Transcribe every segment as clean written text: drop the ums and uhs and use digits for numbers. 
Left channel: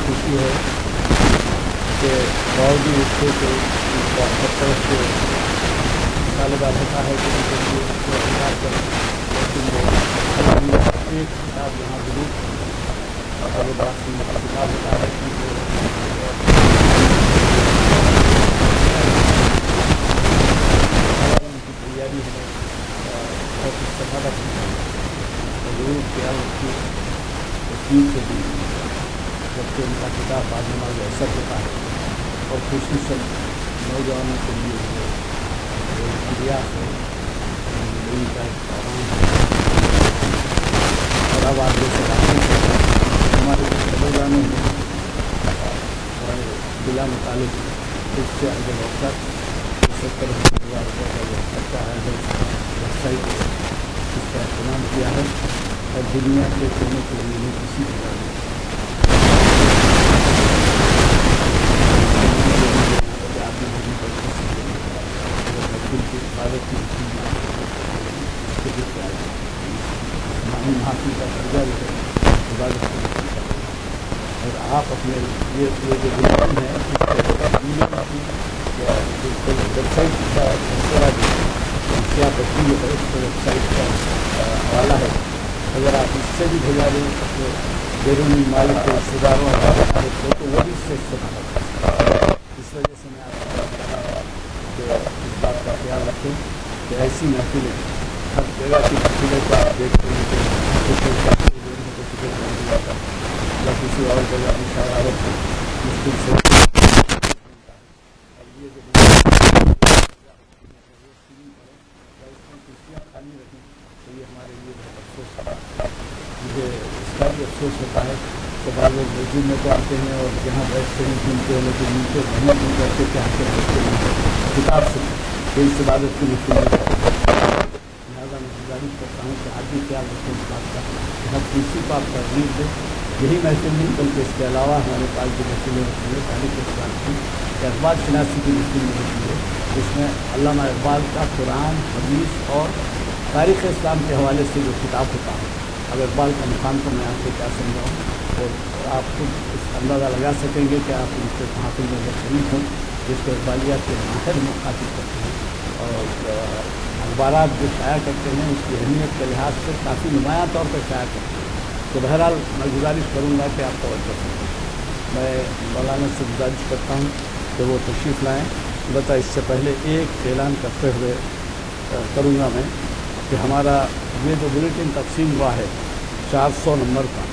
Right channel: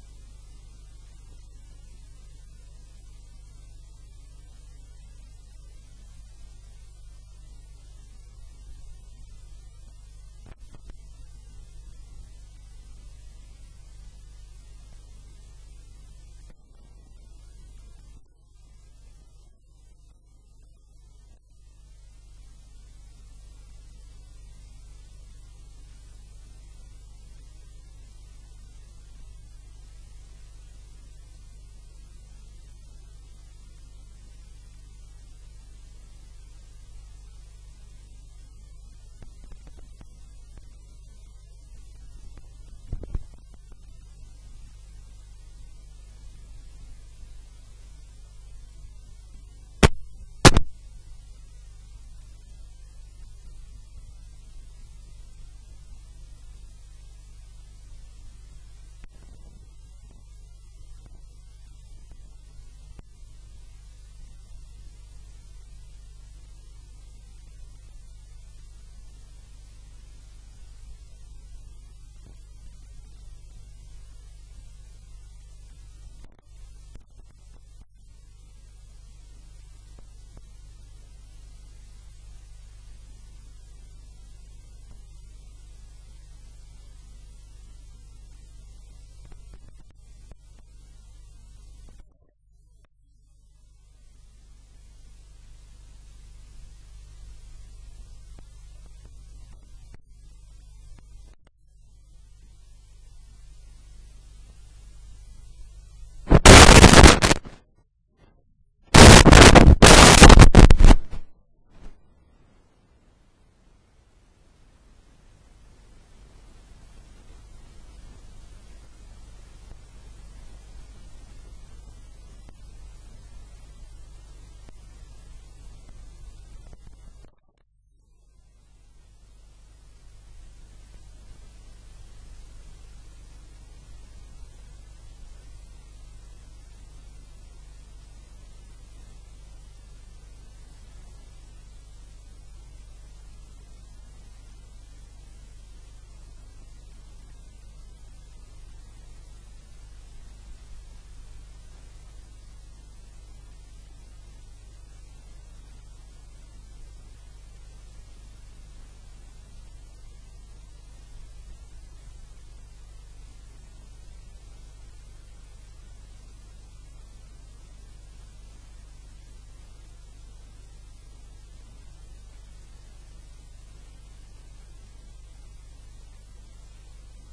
خوشی ہے کہ باوجود اس کے کہ ہر طرف سے طالبہ ہوتا ہے کہ ان کے لیے لیکن وہ ایک کتاب یہاں ضرور اور بات کتاب ہوتا ہے کی تیاری ہے بہت استفادہ ضرور کیا اس کی تقسیم سے بھی جبکہ ان کا کتاب بعد میں اثر ہوتا ہے اور خصوصاً نوجوانوں کے لیے ہے ان کا ایک پیغام ہے اور اب آپ جیسے ہمارے بزرگانوں میں بلا متعلق اس سے اگر وقت 70,000 روپے کا جو خرچہ ہے ویب سائٹ اس کا اہتمام کیا ہے اور دنیا کے کونے کے لیے کسی طرح حاصل کا درجہ جو ہے عبادت اور آپ اپنے یہ جو بنیاد ہے ویب سائٹ کا مشورہ جو کیا پتی جو ہے اس کو ویب سائٹ کا حوالہ ہے اگر آپ اس سے بھی بھیجا دیں تو بیرونی مالک کے رشتے داروں اور تو وہ بھی اس سے استعمال اس وجہ سے میں آپ کہ اس بات کا خیال رکھیں کہ ایسی محفلیں ہر جگہ کی محفلیں کو آپ دیکھتے ہیں کہ یا کسی اور جگہ کی شرارت مشکل سے خالی رکھیں تو یہ ہمارے لیے بہت افسوس ہے مجھے اس کا بھی افسوس ہوتا ہے کہ بعض لوگ مسجد میں تو آتے ہیں اور جہاں بیٹھتے ہیں سنتے ہیں لیکن نیچے محنت نہیں کرتے کہ آ کے بیٹھتے ہیں کتاب سے کہ اس عبادت کی مشکل لہٰذا میں گزارش کرتا ہوں کہ آپ بھی خیال رکھیں اس بات کا کہ ہر کسی کو آپ ترغیب دیں یہی محفل نہیں بلکہ اس کے علاوہ ہمارے پاس جو محفلیں ہوتی ہیں تاریخ اسلام کی یا اقبال شناسی کی محفل ہوتی ہے اس میں علامہ اقبال کا قرآن حدیث اور تاریخ اسلام کے حوالے سے جو کتاب ہوتا ہے اب اقبال کا مقام تو میں آپ کو کیا سمجھاؤں اور آپ خود اس اندازہ لگا سکیں گے کہ آپ ان سے محافل میں جب شریک ہوں جس کو اقبالیات کے ماہر مخاطب کرتے ہیں اور اخبارات جو شائع کرتے ہیں اس کی اہمیت کے لحاظ سے کافی نمایاں طور پر شائع کرتے ہیں تو بہرحال میں گزارش کروں گا کہ آپ توجہ کریں میں مولانا سے گزارش کرتا ہوں کہ وہ تشریف لائیں البتہ اس سے پہلے ایک اعلان کرتے ہوئے کروں گا میں کہ ہمارا یہ جو بلیٹن تقسیم ہوا ہے 400 نمبر کا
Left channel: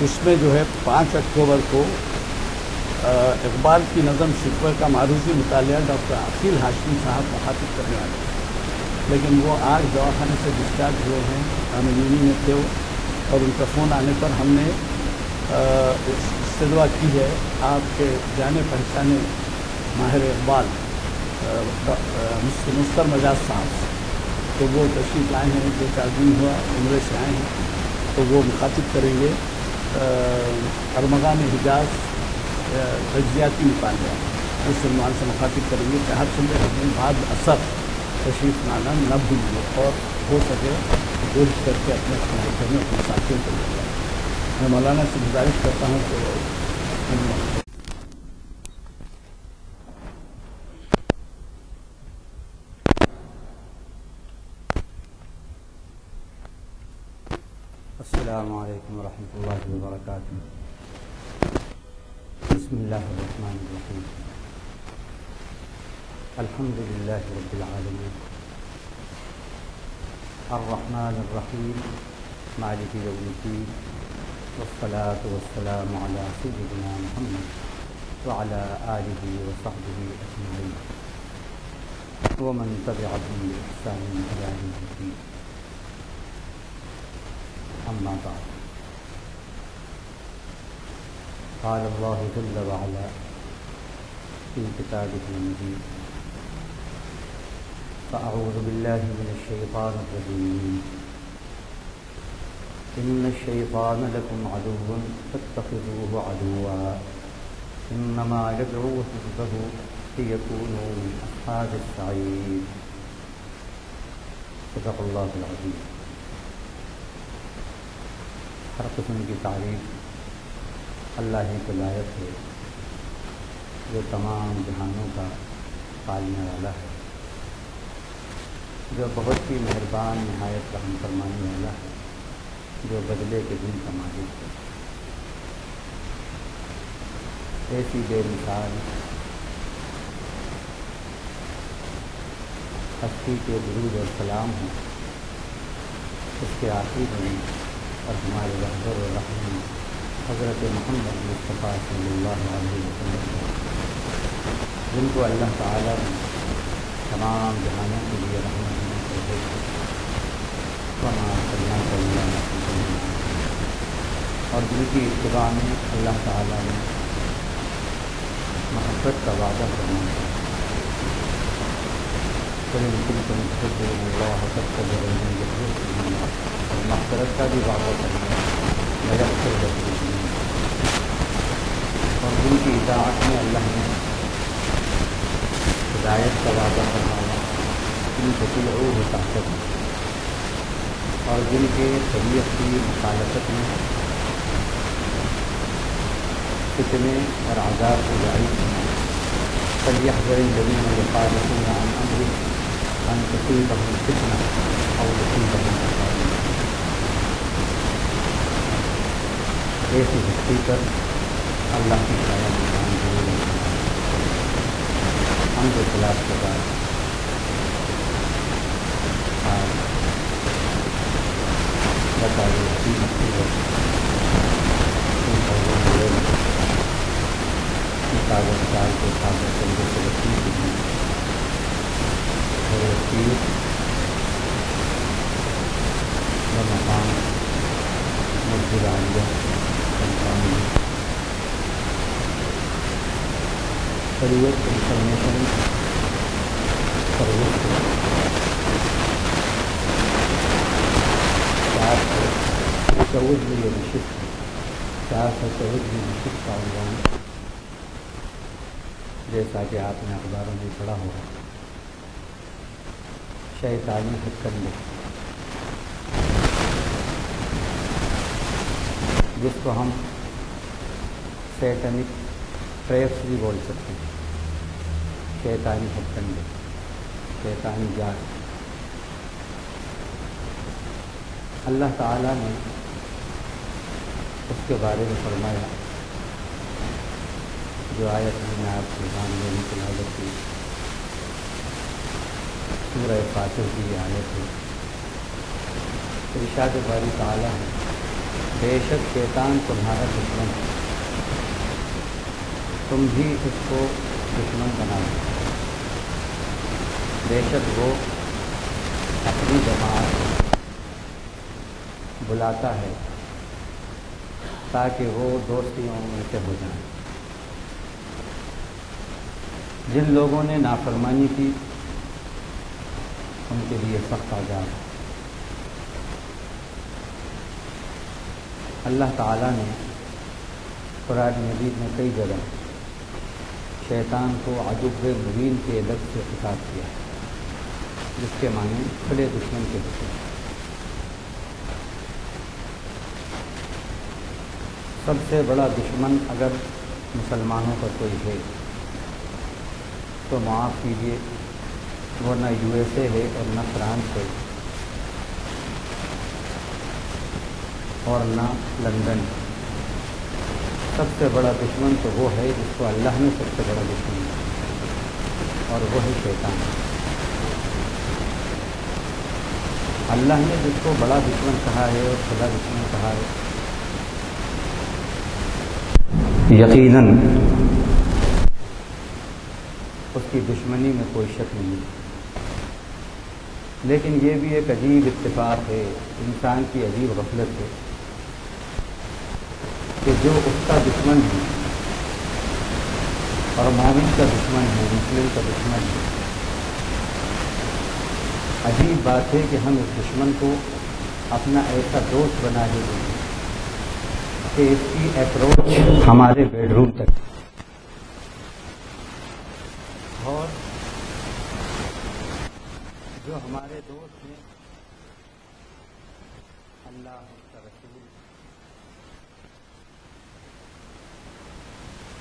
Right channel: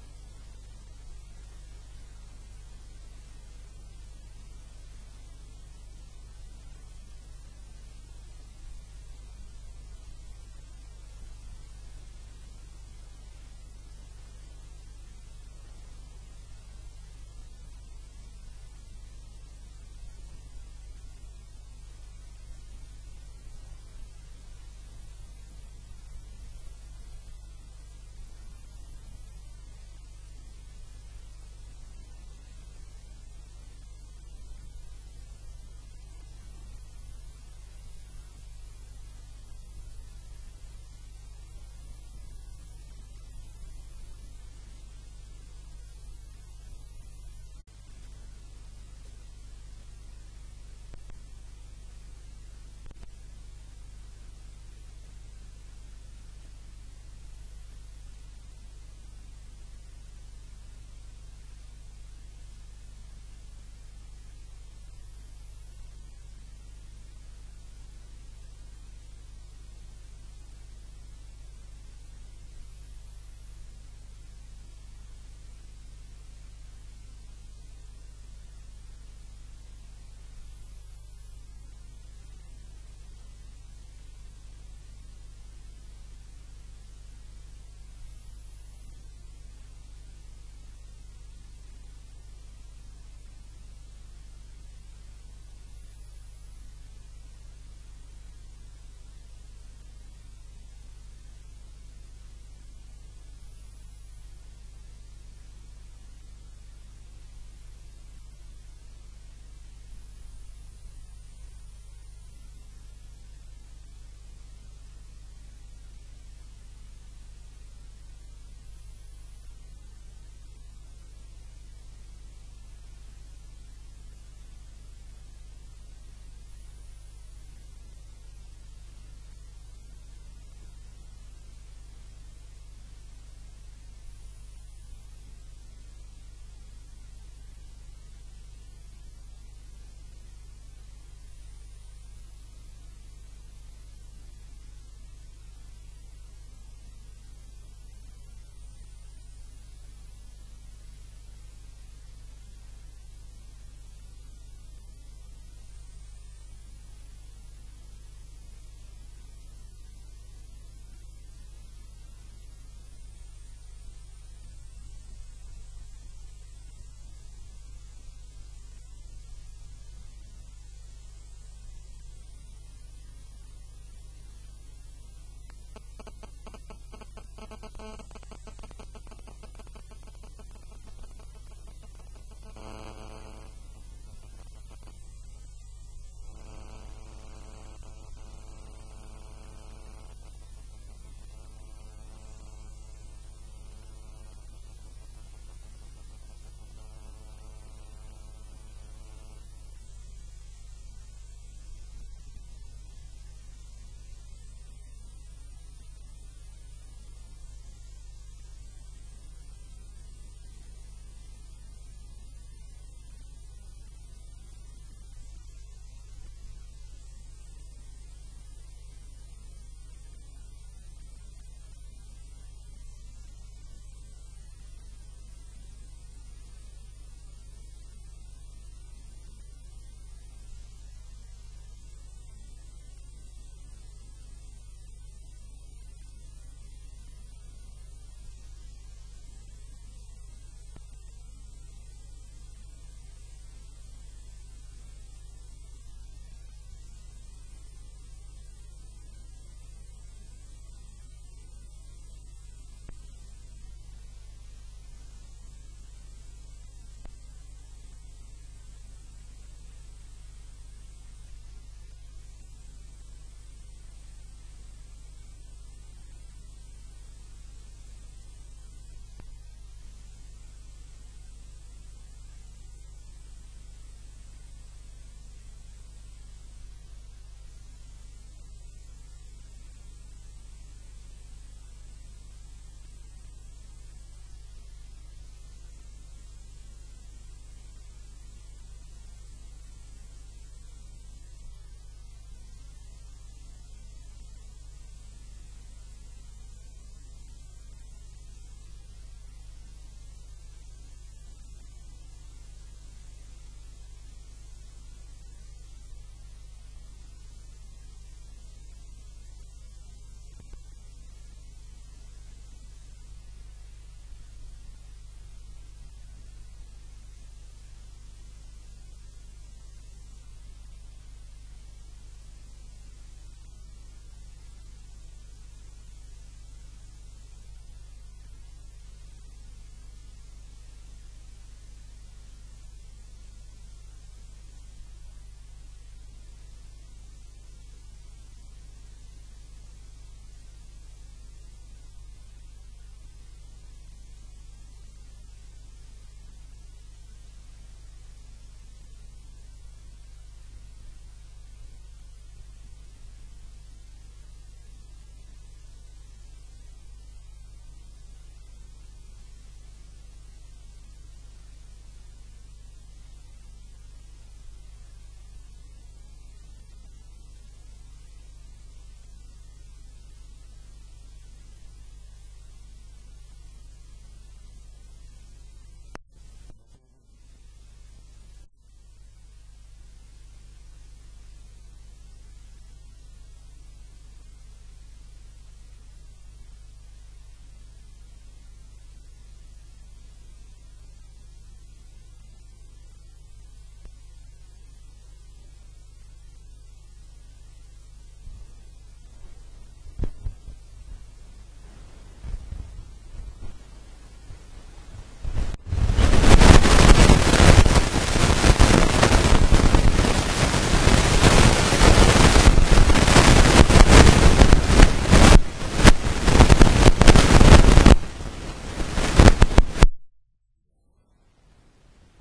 اس میں جو ہے 5 اکتوبر کو اقبال کی نظم شکوہ کا معروضی مطالعہ ڈاکٹر عقیل ہاشمی صاحب مخاطب کرنے والے لیکن وہ آج دواخانے سے ڈسچارج ہوئے ہیں امینی میں تھے اور ان کا فون آنے پر ہم نے استدعا کی ہے آپ کے جانے پہچانے ماہر اقبال مستر مجاز صاحب تو وہ تشریف لائے ہیں 2-4 دن ہوا عمرے سے آئے ہیں تو وہ مخاطب کریں گے ارمغان حجاز تجزیاتی مطالعہ اس عنوان سے مخاطب کریں گے کہ ہر سنڈے کے بعد اثر تشریف لانا نہ بھولیے اور ہو سکے کوشش کر کے اپنے گھر میں اپنے ساتھیوں کو لے جائیں میں مولانا سے گزارش کرتا ہوں کہ السلام علیکم ورحمۃ اللہ وبرکاتہ بسم اللہ الرحمن الرحیم الحمد للہ رب العالمین الرحمن الرحیم مالک یوم الدین والصلاة والسلام علی سیدنا محمد وعلی آلہ وصحبہ اجمعین ومن تبعهم بإحسان إلى يوم الدين. أما بعد، قال الله جل وعلا في كتابه المجيد: فأعوذ بالله من الشيطان الرجيم. إن الشيطان لكم عدو فاتخذوه عدوا إنما يدعو حزبه ليكونوا من أصحاب السعير. صدق اللہ العظیم. ہر قسم کی تعریف اللہ ہی کو لائق ہے، جو تمام جہانوں کا پالنے والا ہے، جو بہت ہی مہربان نہایت رحم فرمانے والا ہے، جو بدلے کے دن کا مالک ہے. ایسی بے مثال ہستی کے درود اور سلام ہوں اس کے آخری نبی اور ہمارے رہبر و رحیم حضرت محمد مصطفیٰ صلی اللہ علیہ وسلم، جن کو اللہ تعالیٰ نے تمام جہانوں کے لیے رحمت کر بھیجا، اور جن کی اتباع میں اللہ تعالیٰ نے محبت کا وعدہ فرمایا. اور مغفرت کا بھی وعدہ فرمایا، اور جن کی اطاعت میں اللہ نے ہدایت کا وعدہ فرمایا، ان تطیعوہ تہتدوا، اور جن کے طبیعت کی مخالفت میں فتنے اور عذاب کو جاری کرنا. فلیحذر الذین یخالفون عن امرہ ان تصیبہم فتنہ او یصیبہم عذاب الیم. ایسی ہستی پر اللہ کی شاید نشان ضرور ہے. ہم جو خلاف کے بعد آج بتائیے اپنی ہستی ہے کاغذ سال کے کاغذ چلے سے رکھنے کے لیے مقام مسجد عالیہ شریعت انفارمیشن سروس 414 میں یہ نشست ہے. 414 میں نشست کا عنوان جیسا کہ آپ نے اخباروں میں پڑھا ہوگا، شیطانی ہتھ کنڈے، جس کو ہم سیٹنک ٹریپس بھی بول سکتے ہیں. شیطانی ہتھ کنڈے، شیطانی جال. اللہ تعالیٰ نے اس کے بارے میں فرمایا، جو آیت میں نے آپ کے سامنے تلاوت کی، سورہ فاتر کی یہ آیت ہے. ارشاد باری تعالیٰ ہے: بے شک شیطان تمہارا دشمن ہے، تم بھی اس کو دشمن بنا دو. بے شک وہ اپنی جماعت بلاتا ہے تاکہ وہ دوستیوں میں سے ہو جائیں. جن لوگوں نے نافرمانی کی ان کے لیے سخت عذاب ہے. اللہ تعالیٰ نے قرآن مجید میں کئی جگہ شیطان کو عدو مبین کے لفظ سے خطاب کیا ہے، جس کے معنی کھلے دشمن کے دشمن. سب سے بڑا دشمن اگر مسلمانوں کا کوئی ہے تو معاف کیجیے، وہ نہ USA ہے اور نہ فرانس ہے اور نہ لندن. سب سے بڑا دشمن تو وہ ہے جس کو اللہ نے سب سے بڑا دشمن ہے، اور وہ ہے شیطان. اللہ نے جس کو بڑا دشمن کہا ہے اور خدا دشمن کہا ہے، یقیناً اس کی دشمنی میں کوئی شک نہیں ہے. لیکن یہ بھی ایک عجیب اتفاق ہے، انسان کی عجیب غفلت ہے کہ جو اس کا دشمن ہے اور مومن کا دشمن ہے، مسلم کا دشمن ہے، عجیب بات ہے کہ ہم اس دشمن کو اپنا ایسا دوست بنا دیں کہ اس کی اپروچ ہمارے ضرور ہے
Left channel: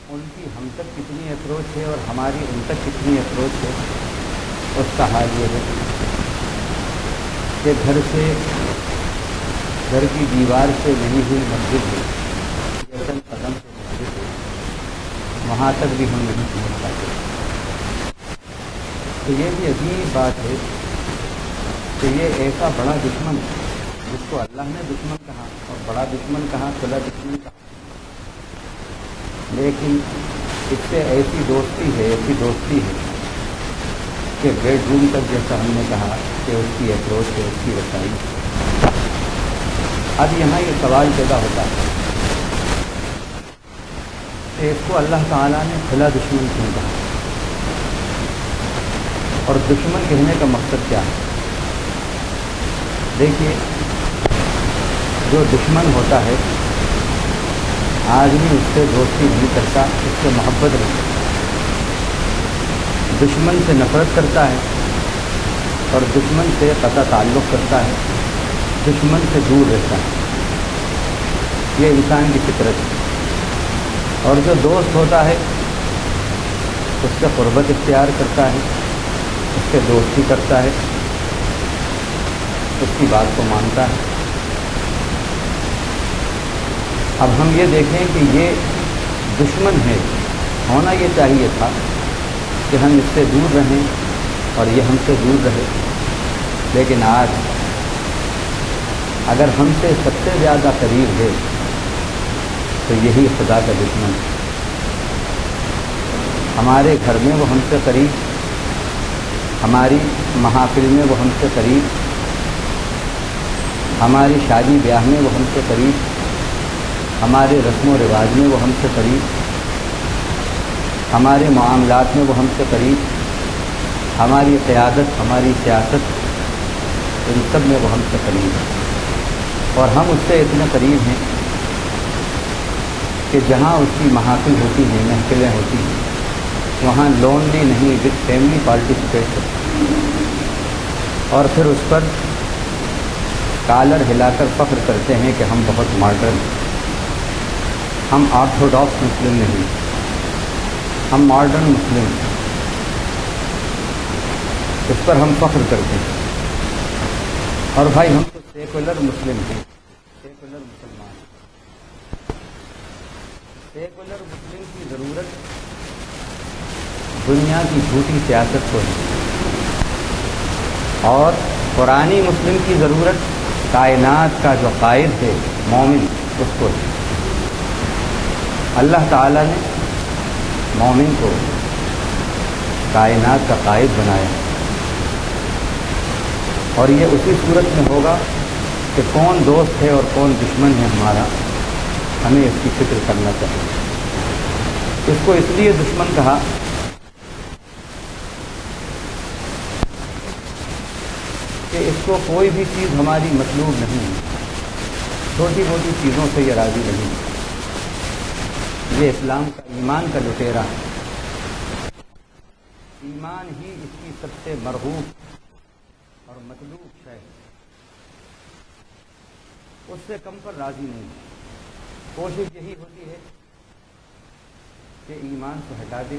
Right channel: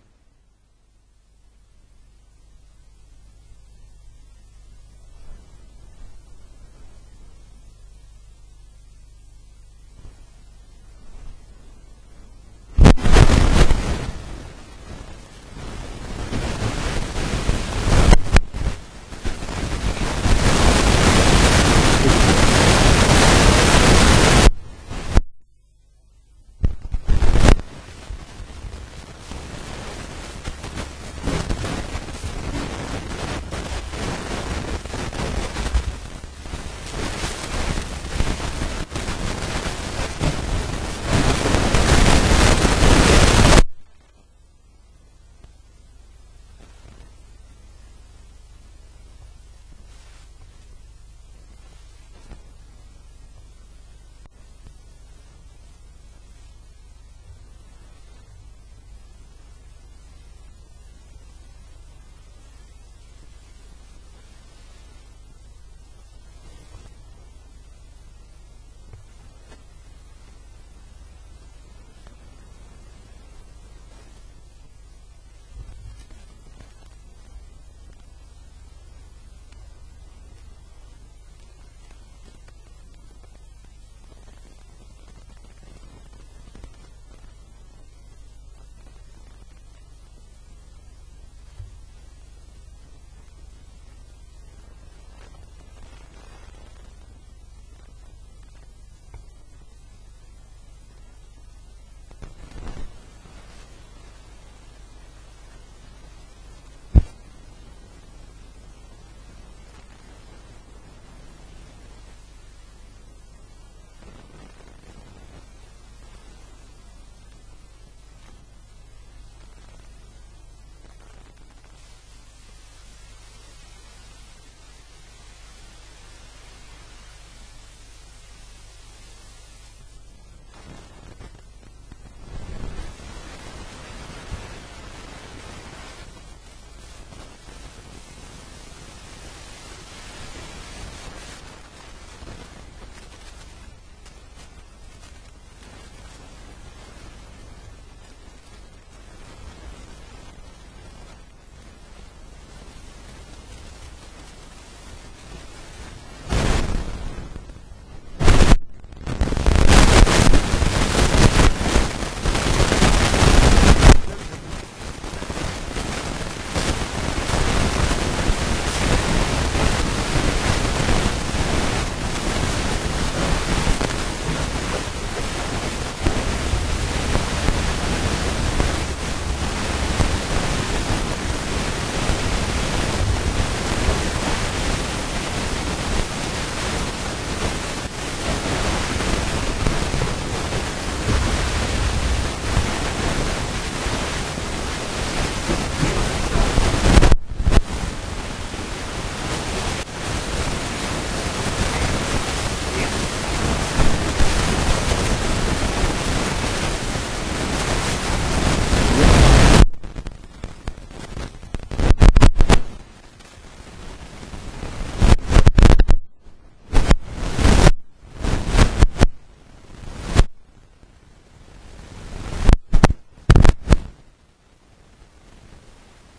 ان کی ہم تک کتنی اپروچ ہے اور ہماری ان تک کتنی اپروچ ہے. اس کا حال یہ ہے کہ گھر کی دیوار سے نہیں ہوئی مسجد ہے، وہاں تک بھی ہم نہیں پہنچ سکتے. تو یہ بھی عجیب بات ہے کہ یہ ایسا بڑا دشمن اللہ نے دشمن کہا اور بڑا دشمن کہا، کھلا دشمن، لیکن اس سے ایسی دوستی ہے کہ بیڈ روم تک جیسا ہم نے کہا کہ اس کی اپروچ ہے، اس کی رسائی. اب یہاں یہ سوال پیدا ہوتا ہے کہ اس کو اللہ تعالیٰ نے کھلا دشمن کیوں کہا، اور دشمن کہنے کا مقصد کیا ہے؟ دیکھیے، جو دشمن ہوتا ہے آدمی اس سے دوستی نہیں کرتا، اس سے محبت نہیں کرتا، دشمن سے نفرت کرتا ہے اور دشمن سے قطع تعلق کرتا ہے، دشمن سے دور رہتا ہے. یہ انسان کی فطرت ہے. اور جو دوست ہوتا ہے اس سے قربت اختیار کرتا ہے، اس سے دوستی کرتا ہے، اس کی بات کو مانتا ہے. اب ہم یہ دیکھیں کہ یہ دشمن ہے، ہونا یہ چاہیے تھا کہ ہم اس سے دور رہیں اور یہ ہم سے دور رہے. لیکن آج اگر ہم سے سب سے زیادہ قریب ہے تو یہی خدا کا دشمن ہے. ہمارے گھر میں وہ ہم سے قریب، ہماری محافل میں وہ ہم سے قریب، ہماری شادی بیاہ میں وہ ہم سے قریب، ہمارے رسم و رواج میں وہ ہم سے قریب، ہمارے معاملات میں وہ ہم سے قریب، ہماری قیادت، ہماری سیاست، ان سب میں وہ ہم سے قریب ہے. اور ہم اس سے اتنے قریب ہیں کہ جہاں اس کی محافل ہوتی ہیں، محفلیں ہوتی ہیں، وہاں لونلی نہیں وتھ فیملی پارٹیسپیٹ کرتے ہیں اور پھر اس پر کالر ہلا کر فخر کرتے ہیں کہ ہم بہت ماڈرن ہیں. ہم آرتھوڈاکس مسلم نہیں، ہم ماڈرن مسلم ہیں. اس پر ہم فخر کرتے ہیں. اور بھائی ہم سیکولر مسلم ہیں. سیکولر مسلم کی ضرورت دنیا کی جھوٹی سیاست کو ہے اور قرآنی مسلم کی ضرورت کائنات کا جو قائد ہے، مومن، اس کو ہے. اللہ تعالیٰ نے مومن کو کائنات کا قائد بنایا اور یہ اسی صورت میں ہوگا کہ کون دوست ہے اور کون دشمن ہے ہمارا، ہمیں اس کی فکر کرنا چاہیے. اس کو اس لیے دشمن کہا کہ اس کو کوئی بھی چیز ہماری مطلوب نہیں، چھوٹی موٹی چیزوں سے یہ راضی نہیں. یہ اسلام ایمان کا لٹیرا ہے. ایمان ہی اس کی سب سے مرغوب اور مطلوب ہے. اس سے کم پر راضی نہیں. کوشش یہی ہوتی ہے کہ ایمان کو ہٹا دے،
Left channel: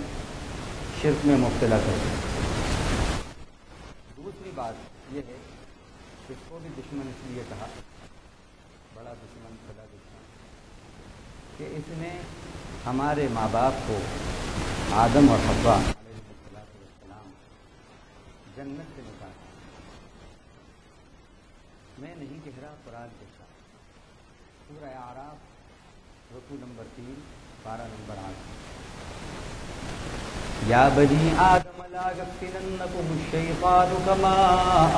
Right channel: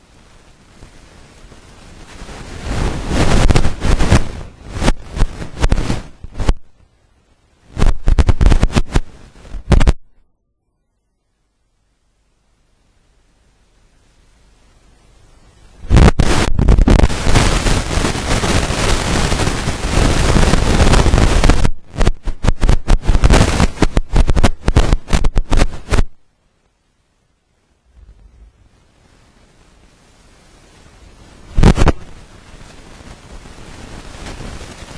شرک میں مبتلا کر دے. دوسری بات اس کو بھی دشمن اس لیے کہا کہ اس نے ہمارے ماں باپ کو، آدم اور حوا، یا بنی آدم لا يفتننكم الشيطان كما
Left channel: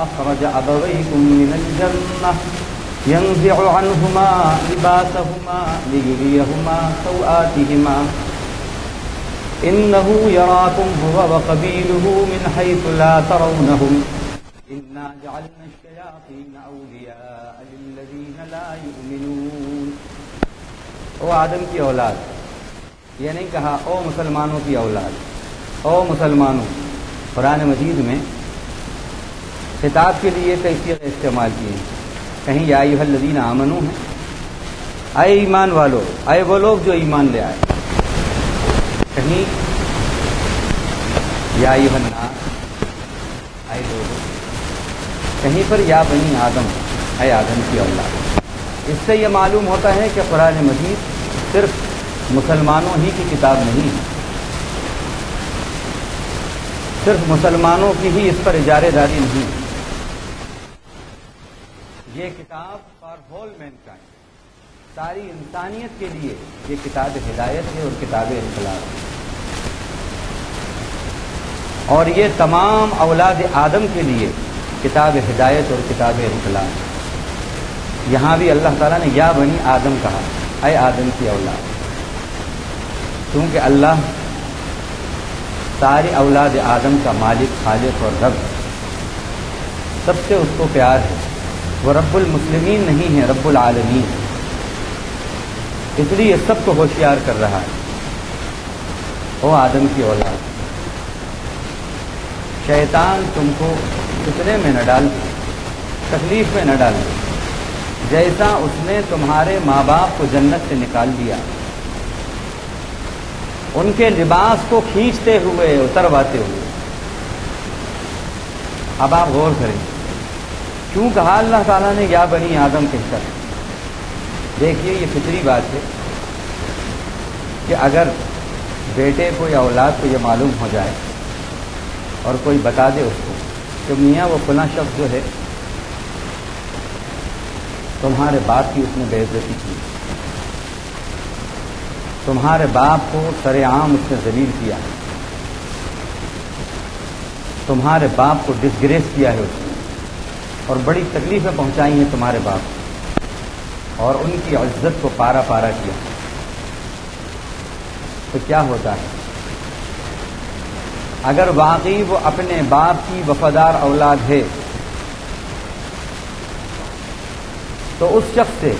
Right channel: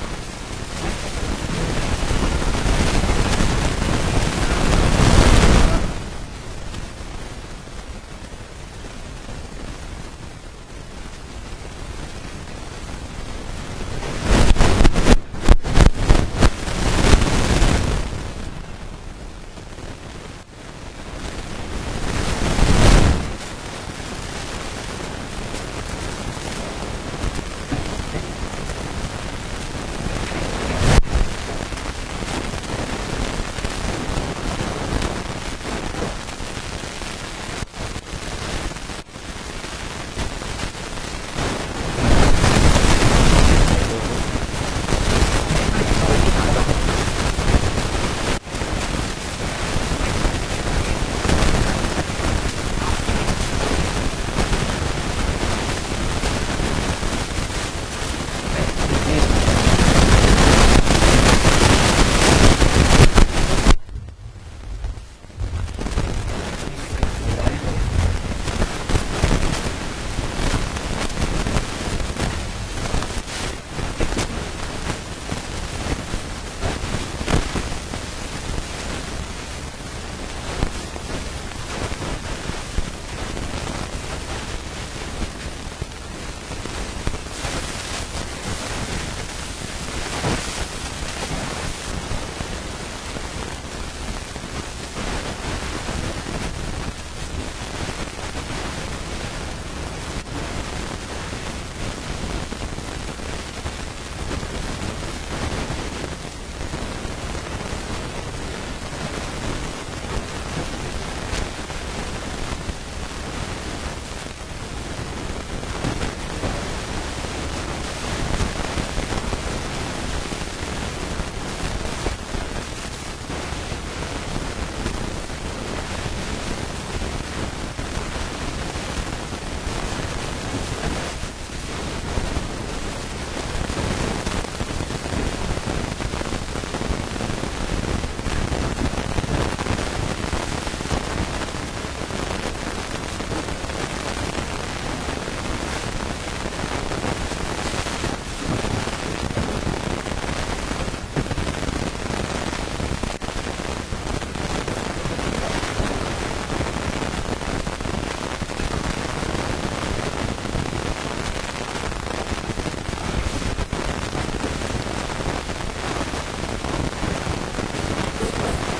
أخرج أبويكم من الجنة ينزع عنهما لباسهما ليريهما سوآتهما إنه يراكم هو وقبيله من حيث لا ترونهم لا يؤمنون. او آدم کی اولاد، یہ نہیں کہا او مسلمانوں کی اولاد، او مسلمانوں. قرآن مجید میں خطاب کے لیے کئی جگہ استعمال کیے، کہیں یا ایھا الذین آمنوا ہے، اے ایمان والو، اے وہ لوگ جو ایمان لے آئے. کہیں یا ایھا الناس، اے لوگو. کہیں پر یا بنی آدم، اے آدم کی اولاد. اس سے یہ معلوم ہوتا ہے کہ قرآن مجید صرف مسلمانوں ہی کی کتاب نہیں، صرف مسلمانوں کی ہی اس پر اجارے داری نہیں، ساری انسانیت کے لیے یہ کتاب ہدایت ہے اور کتاب اخلاص. اور یہ تمام اولاد آدم کے لیے کتاب ہدایت اور کتاب اخلاص. یہاں بھی اللہ تعالیٰ نے یا بنی آدم کہا، اے آدم کی اولاد، کیونکہ اللہ ساری اولاد آدم کا مالک، خالق اور رب ہے. سب سے اس کو پیار ہے. وہ رب المسلمین نہیں ہے، رب العالمین. اس لیے سب کو ہوشیار کر رہا ہے. او آدم کی اولاد، شیطان تم کو فتنے میں نہ ڈال دے، تکلیف میں نہ ڈال دے، جیسا اس نے تمہارے ماں باپ کو جنت سے نکال دیا، ان کے لباس کو کھینچتے ہوئے، اترواتے ہوئے. اب آپ غور کریں، کیوں کہا اللہ تعالیٰ نے یا بنی آدم کہہ کر؟ دیکھیے یہ فطری بات ہے کہ اگر بیٹے کو یا اولاد کو یہ معلوم ہو جائے اور کوئی بتا دے اس کو کہ میاں وہ فلاں شخص جو ہے تمہارے باپ کی اس نے بے عزتی کی، تمہارے باپ کو سر عام اس نے ذلیل کیا، تمہارے باپ کو ڈسگریس کیا ہے اس نے، اور بڑی تکلیفیں پہنچائی ہیں تمہارے باپ کو، اور ان کی عزت کو پارا پارا کیا، تو کیا ہوتا ہے؟ اگر واقعی وہ اپنے باپ کی وفادار اولاد ہے تو اس شخص سے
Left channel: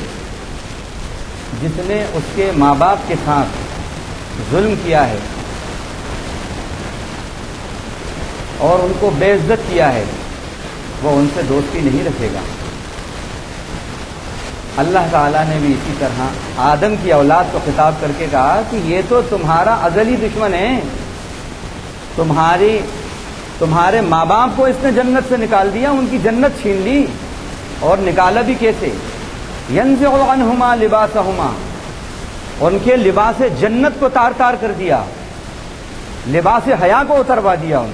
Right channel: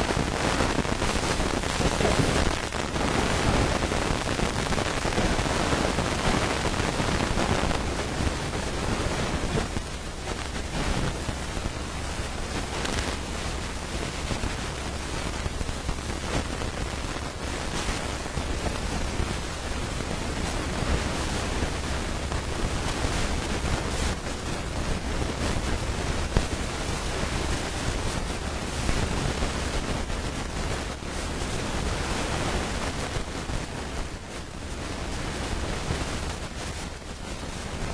جس نے اس کے ماں باپ کے ساتھ ظلم کیا ہے اور ان کو بے عزت کیا ہے، وہ ان سے دوستی نہیں رکھے گا. اللہ تعالیٰ نے بھی اسی طرح آدم کی اولاد کو خطاب کر کے کہا کہ یہ تو تمہارا ازلی دشمن ہے، تمہارے ماں باپ کو اس نے جنت سے نکال دیا، ان کی جنت چھین لی. اور نکالا بھی کیسے؟ ینزع عنہما لباسہما، ان کے لباس جنت کو تار تار کر دیا، لباس حیا کو اتروا دیا. ان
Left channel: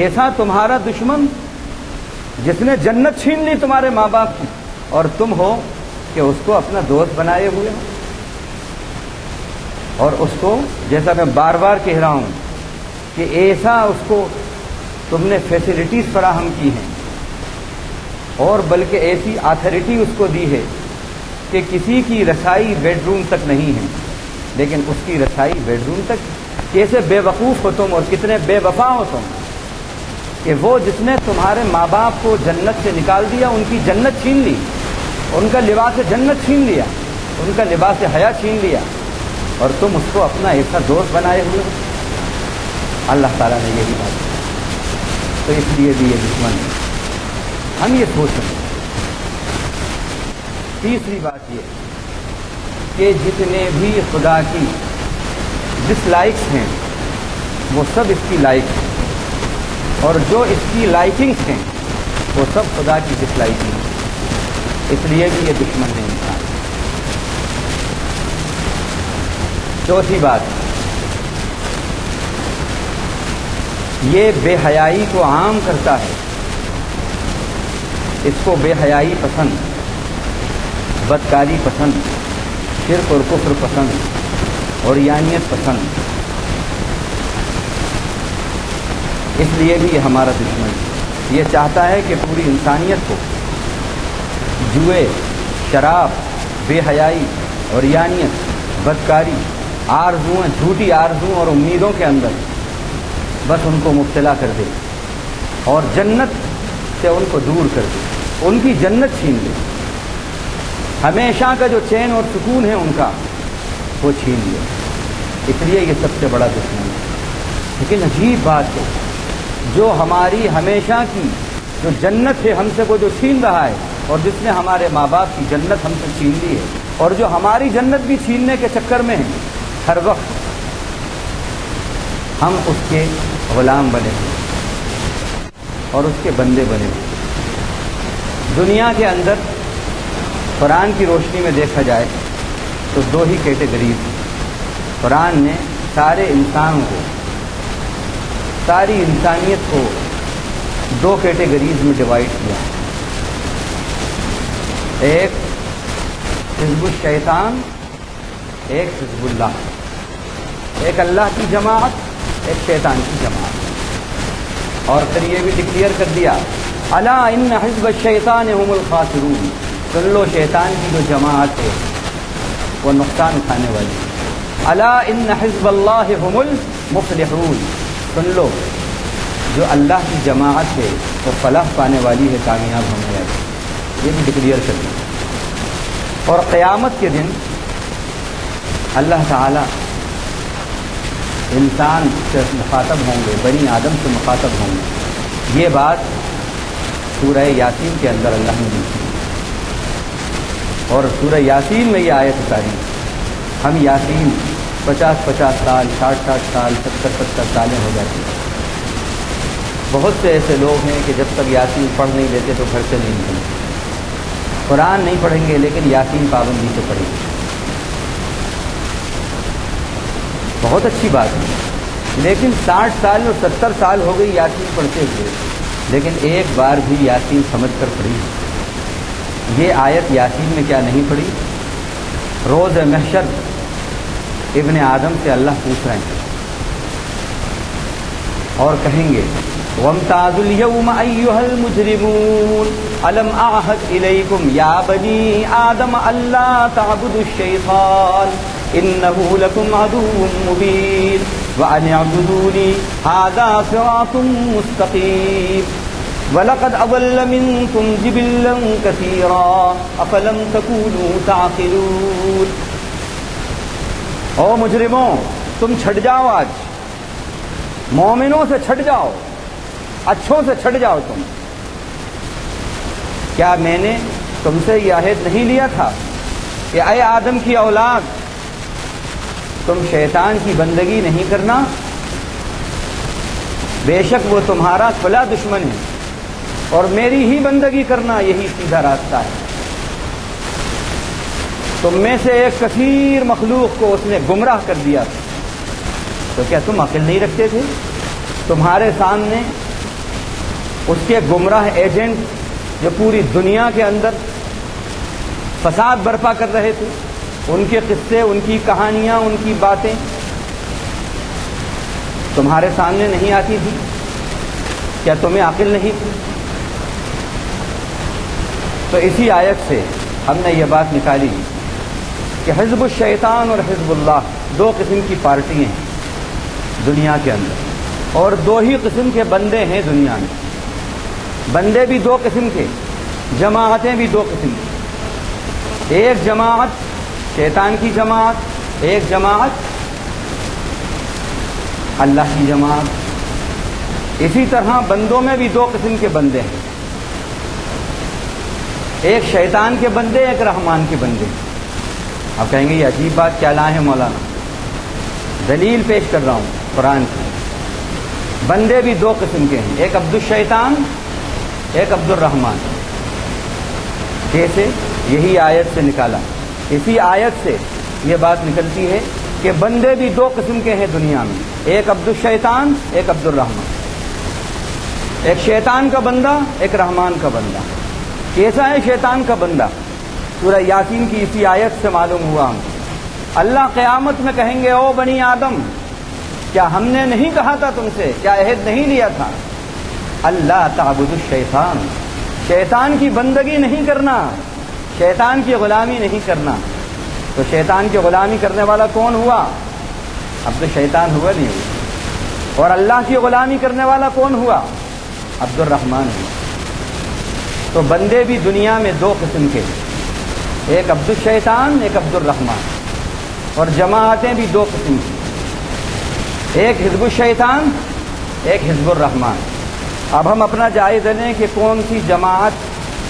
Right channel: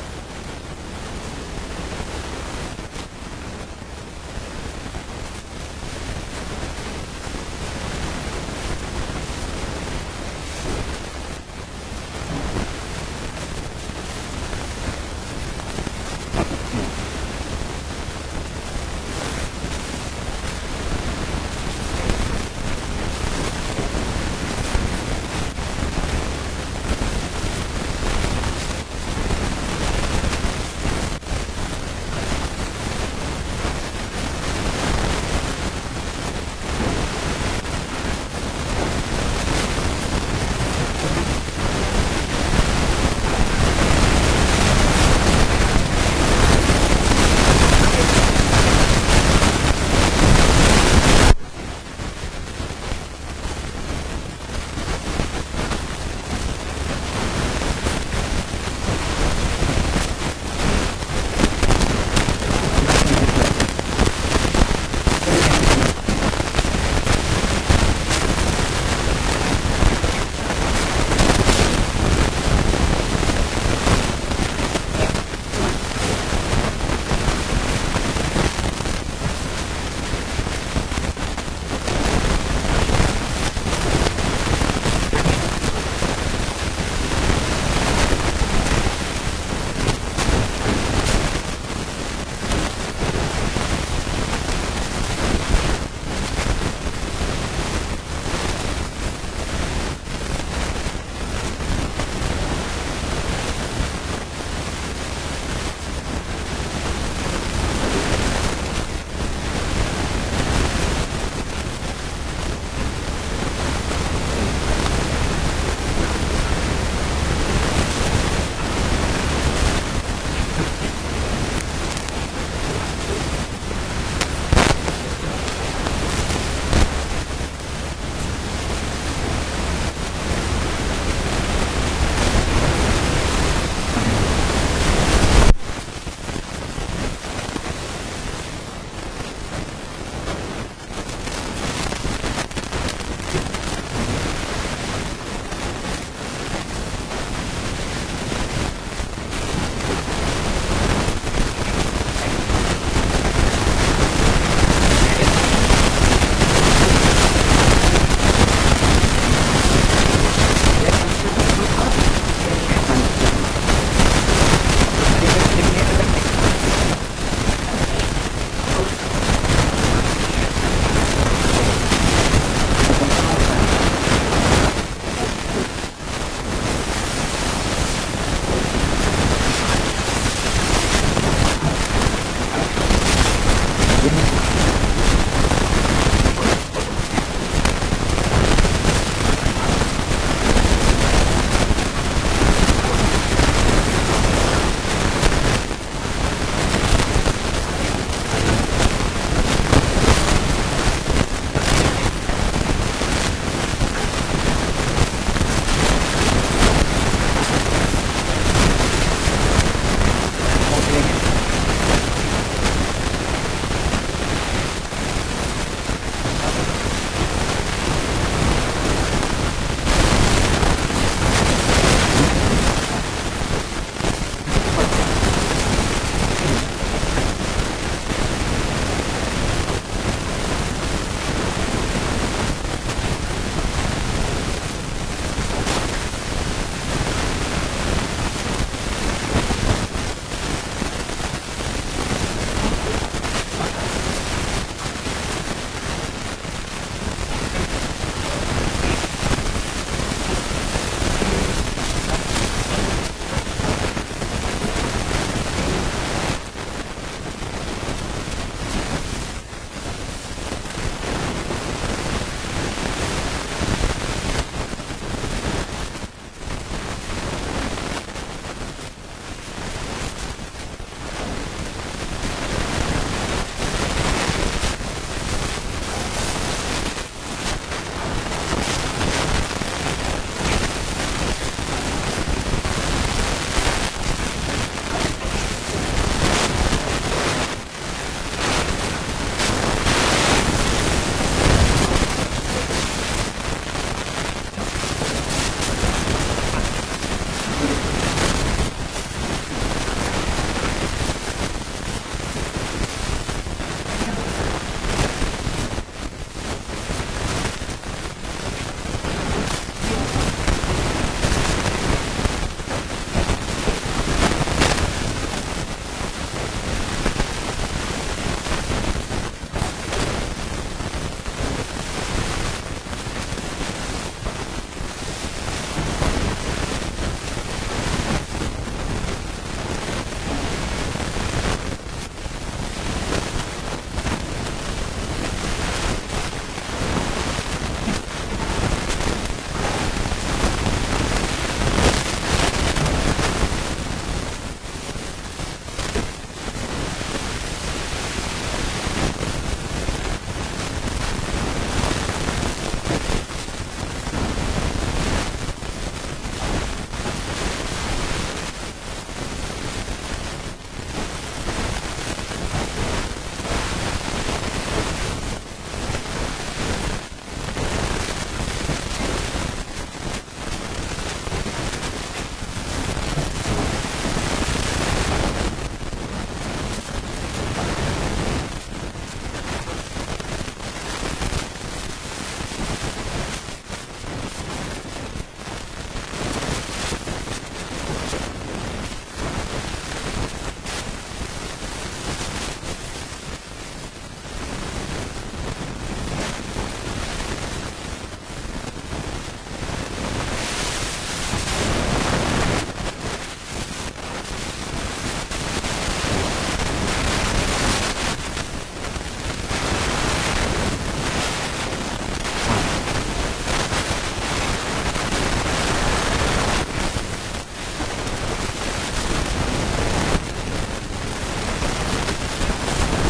ایسا تمہارا دشمن جس نے جنت چھین لی تمہارے ماں باپ کی، اور تم ہو کہ اس کو اپنا دوست بنائے ہوئے. اور اس کو، جیسا میں بار بار کہہ رہا ہوں کہ ایسا اس کو تم نے فیسلٹیز فراہم کی ہیں، اور بلکہ ایسی اتھارٹی اس کو دی ہے کہ کسی کی رسائی بیڈ روم تک نہیں ہے، لیکن اس کی رسائی بیڈ روم تک. کیسے بے وقوف ہو تم اور کتنے بے وفا ہو تم کہ وہ جس نے تمہارے ماں باپ کو جنت سے نکال دیا، ان کی جنت چھین لی، ان کا لباس جنت چھین لیا، ان کا لباس حیا چھین لیا، اور تم اس کو اپنا ایسا دوست بنائے ہوئے. اللہ تعالیٰ نے یہ کہا. تو اس لیے بھی یہ دشمن ہے. ہم یہ سوچیں. تیسری بات یہ کہ جتنے بھی خدا کی ڈس لائکس ہیں وہ سب اس کی لائکس ہیں، اور جو اس کی لائکنگس ہیں وہ سب خدا کی ڈس لائکنگ ہیں. اس لیے بھی یہ دشمن ہے. چوتھی بات، یہ بے حیائی کو عام کرتا ہے. اس کو بے حیائی پسند، بدکاری پسند، شرک اور کفر پسند، عریانیت پسند. اس لیے بھی یہ ہمارا دشمن ہے۔ یہ چاہتا ہے کہ پوری انسانیت کو جوئے، شراب، بے حیائی، عریانیت، بدکاری، آرزوؤں، جھوٹی آرزوؤں اور امیدوں کے اندر بس ان کو مبتلا کر دے اور جنت سے ان کو دور کر دے، ان کی جنت چھین دے، ہمیشہ کا جو چین اور سکون ہے ان کا وہ چھین دے۔ اس لیے یہ سب سے بڑا دشمن ہے۔ لیکن عجیب بات ہے، جو ہماری ہمیشہ کی جو جنت ہے ہم سے وہ جو چھین رہا ہے، اور جس نے ہمارے ماں باپ کی جنت ہم سے چھین لی ہے، اور جو ہماری جنت بھی چھیننے کے چکر میں ہے، ہر وقت ہم اس کے غلام بنے ہوئے اور اس کے بندے بنے ہوئے۔ دنیا کے اندر قرآن کی روشنی میں دیکھا جائے تو دو ہی کیٹیگریز ہیں۔ قرآن نے سارے انسانوں کو، ساری انسانیت کو دو کیٹیگریز میں ڈیوائڈ کیا۔ ایک حزب الشیطان، ایک انسان، ایک اللہ کی جماعت، ایک شیطان کی جماعت۔ اور پھر یہ بھی ڈکلیئر کر دیا، الا ان حزب الشیطان هم الخاسرون، سن لو شیطان کی جو جماعت ہے وہ نقصان اٹھانے والی۔ الا ان حزب اللہ هم المفلحون، سن لو جو اللہ کی جماعت ہے وہ فلاح پانے والی ہے، کامیاب ہونے والی ہے۔ یہ بھی ڈکلیئر کر دیا۔ اور قیامت کے دن اللہ تعالیٰ انسان سے مخاطب ہوں گے، بنی آدم سے مخاطب ہوں گے۔ یہ بات سورہ یاسین کے اندر اللہ نے دی، اور سورہ یاسین میں یہ آیت اتاری۔ ہم یاسین 50 سال، 60 سال، 70 سالیں ہو جاتی ہیں۔ بہت سے ایسے لوگ ہیں کہ جب تک یاسین پڑھ نہیں لیتے تو گھر سے نہیں نکلتے۔ قرآن نہیں پڑھیں گے لیکن یاسین پابندی سے پڑھیں گے۔ بہت اچھی بات ہے، لیکن 60 سال اور 70 سال ہو گئی یاسین پڑھتے ہوئے، لیکن ایک بار بھی یاسین سمجھ کر پڑھی۔ یہ آیت یاسین میں کیا نہیں پڑھی؟ روز محشر ابن آدم سے اللہ پوچھ رہے ہیں اور کہیں گے وَامْتَازُوا الْيَوْمَ أَيُّهَا الْمُجْرِمُونَ أَلَمْ أَعْهَدْ إِلَيْكُمْ يَا بَنِي آدَمَ أَلَّا تَعْبُدُوا الشَّيْطَانَ إِنَّهُ لَكُمْ عَدُوٌّ مُّبِينٌ وَأَنِ اعْبُدُونِي هَٰذَا صِرَاطٌ مُّسْتَقِيمٌ وَلَقَدْ أَضَلَّ مِنكُمْ جِبِلًّا كَثِيرًا أَفَلَمْ تَكُونُوا تَعْقِلُونَ۔ او مجرموں، تم چھٹ جاؤ، آج مومنوں سے چھٹ جاؤ، اچھوں سے چھٹ جاؤ۔ تم کیا میں نے تم سے یہ عہد نہیں لیا تھا کہ اے آدم کی اولاد، تم شیطان کی بندگی نہیں کرنا؟ بے شک وہ تمہارا کھلا دشمن ہے، اور میری ہی بندگی کرنا یہی سیدھا راستہ ہے۔ تم میں سے ایک کثیر مخلوق کو اس نے گمراہ کر دیا تھا، تو کیا تم عقل نہیں رکھتے تھے؟ تمہارے سامنے اس کے گمراہ ایجنٹ جو پوری دنیا کے اندر فساد برپا کر رہے تھے، ان کے قصے، ان کی کہانیاں، ان کی باتیں تمہارے سامنے نہیں آتی تھی؟ کیا تمہیں عقل نہیں تھی؟ تو اسی آیت سے ہم نے یہ بات نکالی کہ حزب الشیطان اور حزب اللہ دو قسم کی پارٹیاں ہیں دنیا کے اندر، اور دو ہی قسم کے بندے ہیں دنیا میں۔ بندے بھی دو قسم کے، جماعتیں بھی دو قسم کی۔ ایک جماعت شیطان کی جماعت، ایک جماعت اللہ کی جماعت۔ اسی طرح بندوں میں بھی دو قسم کے بندے ہیں، ایک شیطان کے بندے، ایک رحمان کے بندے۔ آپ کہیں گے یہ عجیب بات کیا لائے ہیں مولانا؟ دلیل پیش کر رہا ہوں قرآن کی۔ بندے بھی دو قسم کے ہیں، ایک عبد الشیطان، ایک عبد الرحمان۔ کیسے؟ یہی آیت سے نکالا۔ اسی آیت سے یہ بات نکلتی ہے کہ بندے بھی دو قسم کے ہیں دنیا میں، ایک عبد الشیطان، ایک عبد الرحمان۔ ایک شیطان کا بندہ، ایک رحمان کا بندہ۔ کیسا ہے شیطان کا بندہ؟ سورہ یاسین کی اسی آیت سے معلوم ہوا ہم۔ اللہ قیامت میں کہیں گے او بنی آدم، کیا ہم نے نہیں کہا تھا تم سے، کیا عہد نہیں لیا تھا؟ اللہ تعبدوا الشیطان، شیطان کی بندگی نہیں کرنا، شیطان کی غلامی نہیں کرنا۔ تو شیطان کی غلامی کرنے والا کون ہوا؟ اب تو شیطان ہوا نہیں۔ اور اللہ کی غلامی کرنے والا کون ہوا؟ عبد الرحمن ہوا۔ تو بندے بھی دنیا میں دو قسم کے، ایک عبد الشیطان، ایک عبد الرحمن، اور جماعتیں بھی دو قسم کی، ایک حزب الشیطان، ایک حزب الرحمن۔ اب ہم اپنا جائزہ لیں کہ کون سی جماعت،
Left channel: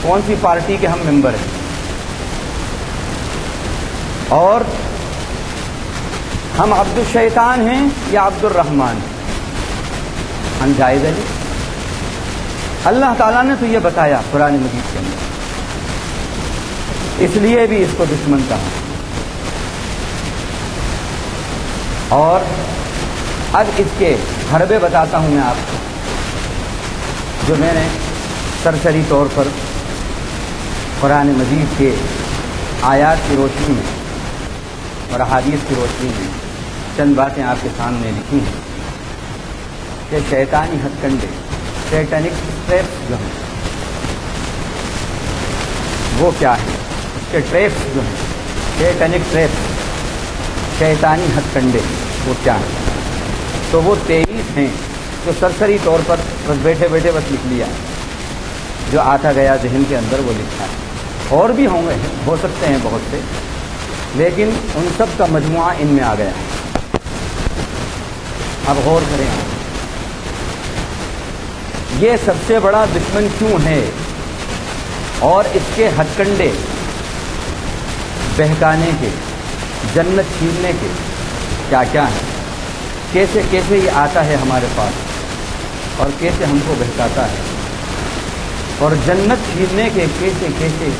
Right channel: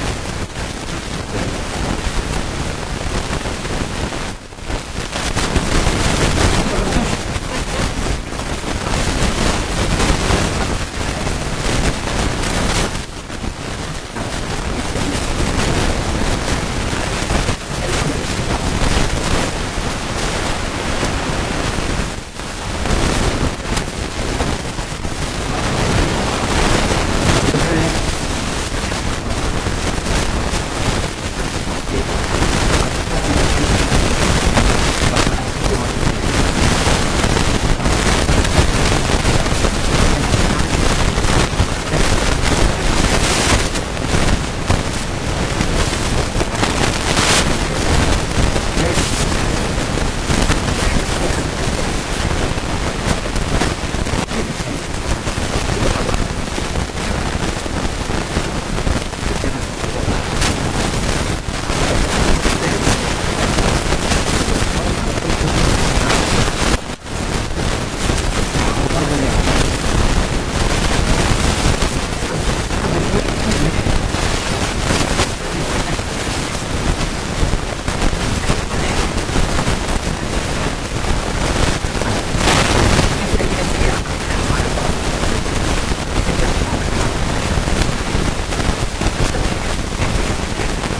کون سی پارٹی کے ہم ممبر ہیں، اور ہم عبد الشیطان ہیں یا عبد الرحمن ہیں، ہم جائزہ لیں۔ اللہ تعالیٰ نے تو یہ بتایا قرآن مجید کے اندر، اس لیے بھی اس کو دشمن کہا۔ اور اب اس کے حربے بتاتا ہوں میں آپ کو، جو میں نے سرسری طور پر قرآن مجید کے آیات کی روشنی میں اور احادیث کی روشنی میں چند باتیں آپ کے سامنے رکھی کہ شیطانی شیطانک ٹریپ وہ کیا ہے، شیطانک ٹریپ، شیطانی ہتھ کنڈے وہ کیا ہیں؟ تو وہ 23 ہیں، تو سرسری طور پر بس بیٹھے بیٹھے بس لکھ لیا، جو آتا گیا ذہن کے اندر وہ لکھا ہے۔ اور بھی ہوں گے، ہو سکتے ہیں بہت سے، لیکن ان سب کا مجموعہ ان میں آ گیا۔ اب غور کریں، یہ سب سے بڑا دشمن کیوں ہے، اور اس کے ہتھ کنڈے بہکانے کے، جنت چھیننے کے کیا کیا ہیں، کیسے کیسے یہ آتا ہے ہمارے پاس اور کیسے ہم کو بہکاتا ہے، اور جنت چھیننے کے کیسے کیسے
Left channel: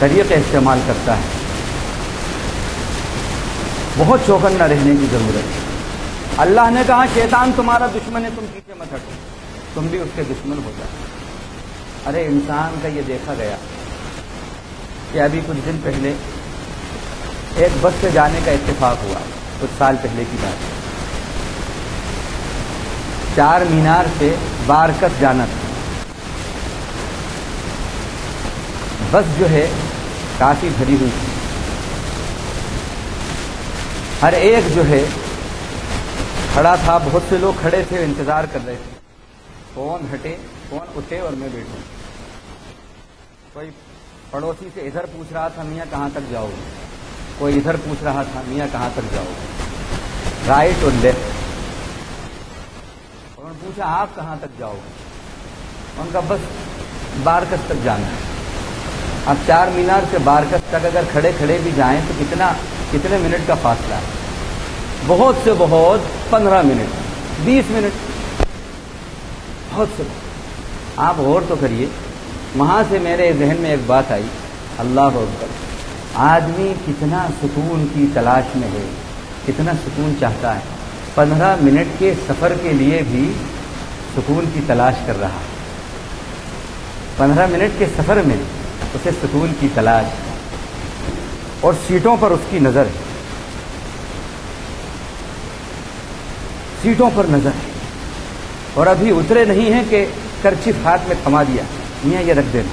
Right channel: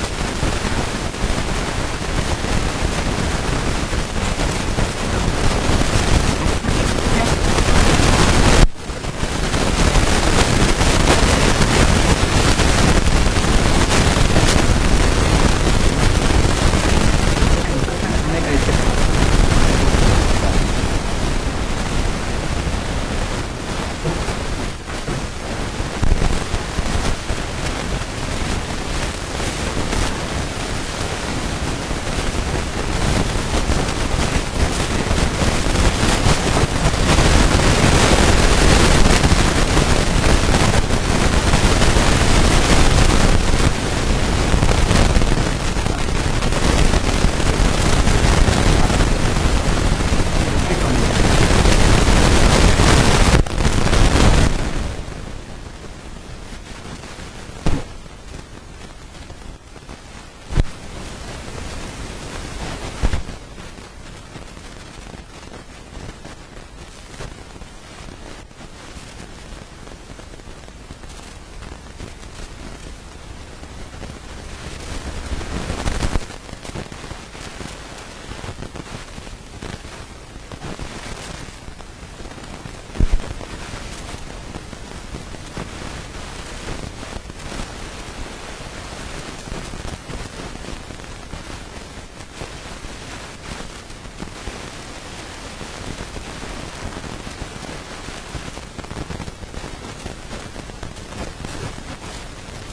طریقے استعمال کرتا ہے۔ بہت چوکنا رہنے کی ضرورت ہے۔ اللہ نے کہا شیطان تمہارا دشمن ہے، مت ہٹو۔ ارے انسان سے بھی دیکھا گیا کہ ابھی کچھ پہلے ایک بس سے جانے کا اتفاق ہوا، کچھ سال سے پوچھتا ہے، چار مینار سے بارکس جانا تھا۔ بس جو ہے کافی بھری ہوئی تھی، ہر ایک جو ہے کھڑا تھا، بہت سے لوگ کھڑے تھے انتظار کر رہے تھے۔ کہاں تک جاؤ، کوئی ادھر پوچھ رہا تھا میں کہاں تک جاؤ، رائٹ اور لیفٹ، آپ کہاں تک جاؤ، ان کا بس بارکس تک جانا ہے۔ اب چار مینار سے بارکس تک اگر کھڑے کھڑے بھی جائیں تو کتنے منٹ کا فاصلہ ہے؟ بہت سے بہت 15 منٹ، 20 منٹ، بہت سے بہت۔ آپ غور تو کریے، وہاں سے میرے ذہن میں ایک بات آئی، اللہ اکبر، آدمی کتنا سکون کی تلاش میں ہے، کتنا سکون چاہتا ہے، 15 منٹ کے سفر کے لیے بھی سکون کی تلاش کر رہا ہے، 15 منٹ کے سفر میں اسے سکون کی تلاش، اور سیٹوں پر اس کی نظر، سیٹوں پر نظر، اور ابھی اترے نہیں ہیں کہ کرچیف ہاتھ میں تھما دیا، یہاں یہ رکھ دینا۔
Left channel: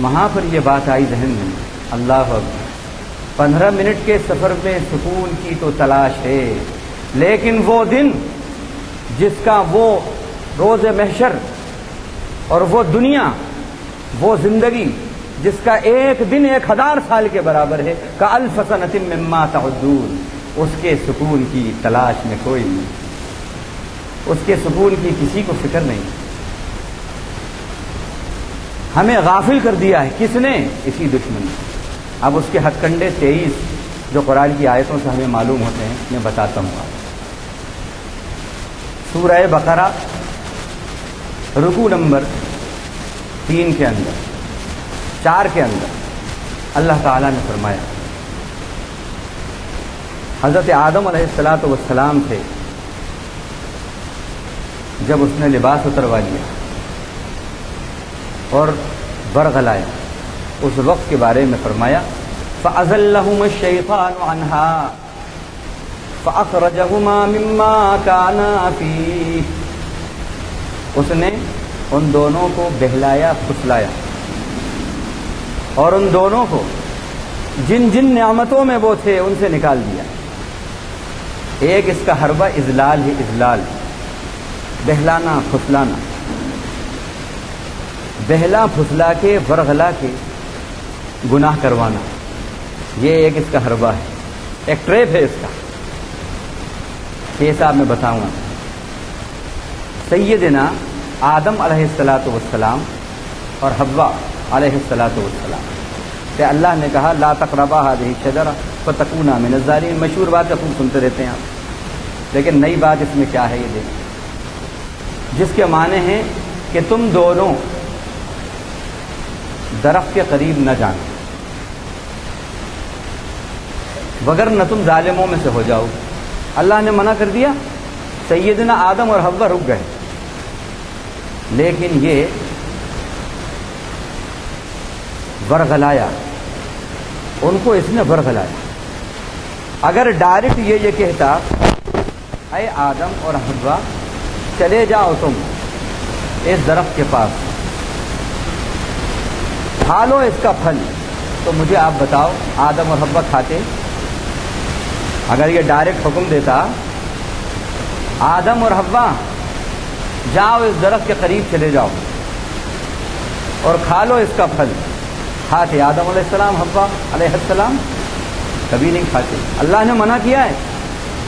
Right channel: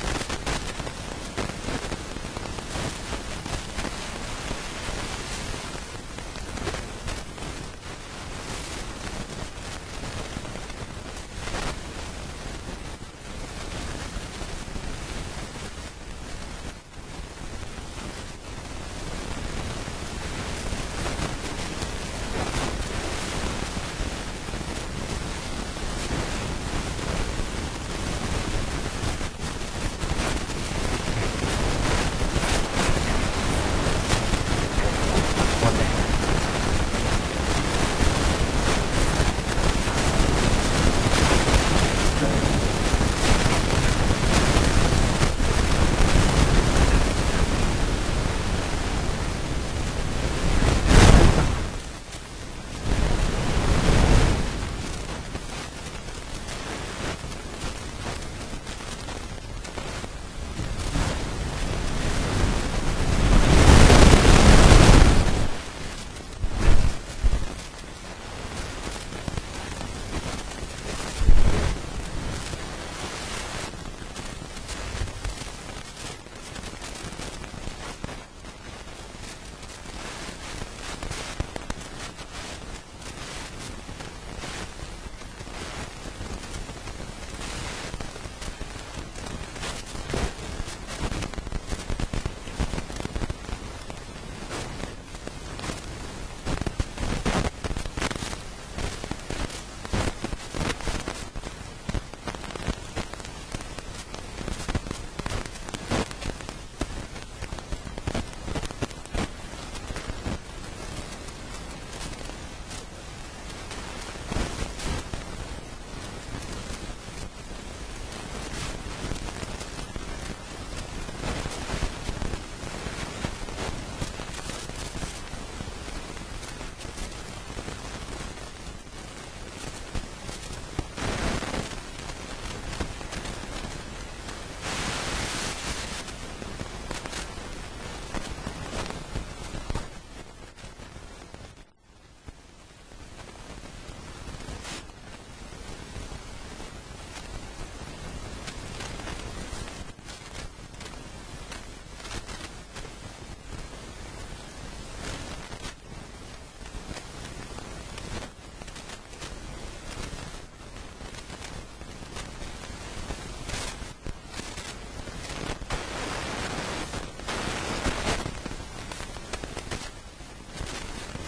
وہاں پر یہ بات آئی ذہن میں، اللہ اکبر، 15 منٹ کے سفر میں سکون کی تو تلاش ہے، لیکن وہ دن جس کا، وہ روز محشر اور وہ دنیا، وہ زندگی جس کا ایک دن 1000 سال کے برابر ہے، کألف سنۃ مما تعدون، اس کے سکون کی تلاش میں کوئی نہیں، اس کے سکون کی کسی کو فکر نہیں۔ ہمیں غافل کر دیا ہے کس نے؟ اسی دشمن نے۔ اب اس کے ہتھ کنڈے 23 جو قرآن کی آیتوں سے ہمیں معلوم ہوتے ہیں، میں بتاتا ہوں۔ سورہ بقرہ رکوع نمبر 3 کے اندر، 4 کے اندر اللہ تعالیٰ نے فرمایا، حضرت آدم علیہ السلام تھے، جب اس نے لباس اتروا لیا اور برگلایا، اس وقت کے بارے میں فرمایا فَأَزَلَّهُمُ الشَّيْطَانُ عَنْهَا، فَأَخْرَجَهُمَا مِمَّا كَانَا فِيهِ، اس نے ان دونوں کو بہلایا پھسلایا اور ان دونوں کو جن جن نعمتوں میں وہ تھے ان سے نکال دیا۔ ایک اس کا حربہ اذلال ہی اذلال، بہلانا پھسلانا، بہلا پھسلا کے ورغلا کے گناہ کروانا، یہ ایک اس کا حربہ ہے، ایک ٹریپ ہے اس کا۔ یہ صاحب میں بتاؤں، سیدنا آدم علیہ السلام اور حوا علیہ السلام کہ اللہ نے کہا لا تقربا هذه الشجرة فتكونا من الظالمين، مشہور بات خوب سنتے رہتے ہیں آپ، لیکن نئی بات اس میں کیا ہے یہ دیکھیں، جس کے معنی ہیں کہ تم دونوں درخت کے قریب نہ جانا وگرنہ تم ظالموں میں سے ہو جاؤ۔ اللہ نے منع کر دیا، سیدنا آدم اور حوا رک گئے، لیکن یہ ورغلایا، ان کو اس نے ورغلایا۔ اگر ڈائریکٹ یہ کہتا اے آدم اور حوا چلے جاؤ تم اس درخت کے پاس، کھا لو اس کا پھل، تو مجھے آپ بتاؤ آدم اور حوا کھاتے؟ اگر یہ ڈائریکٹ حکم دیتا آدم اور حوا جاؤ اس درخت کے قریب چلے جاؤ اور کھا لو اس کا پھل، کھاتے آدم علیہ السلام حوا علیہ السلام؟ کبھی نہیں کھاتے۔ اللہ نے منع کیا ہے،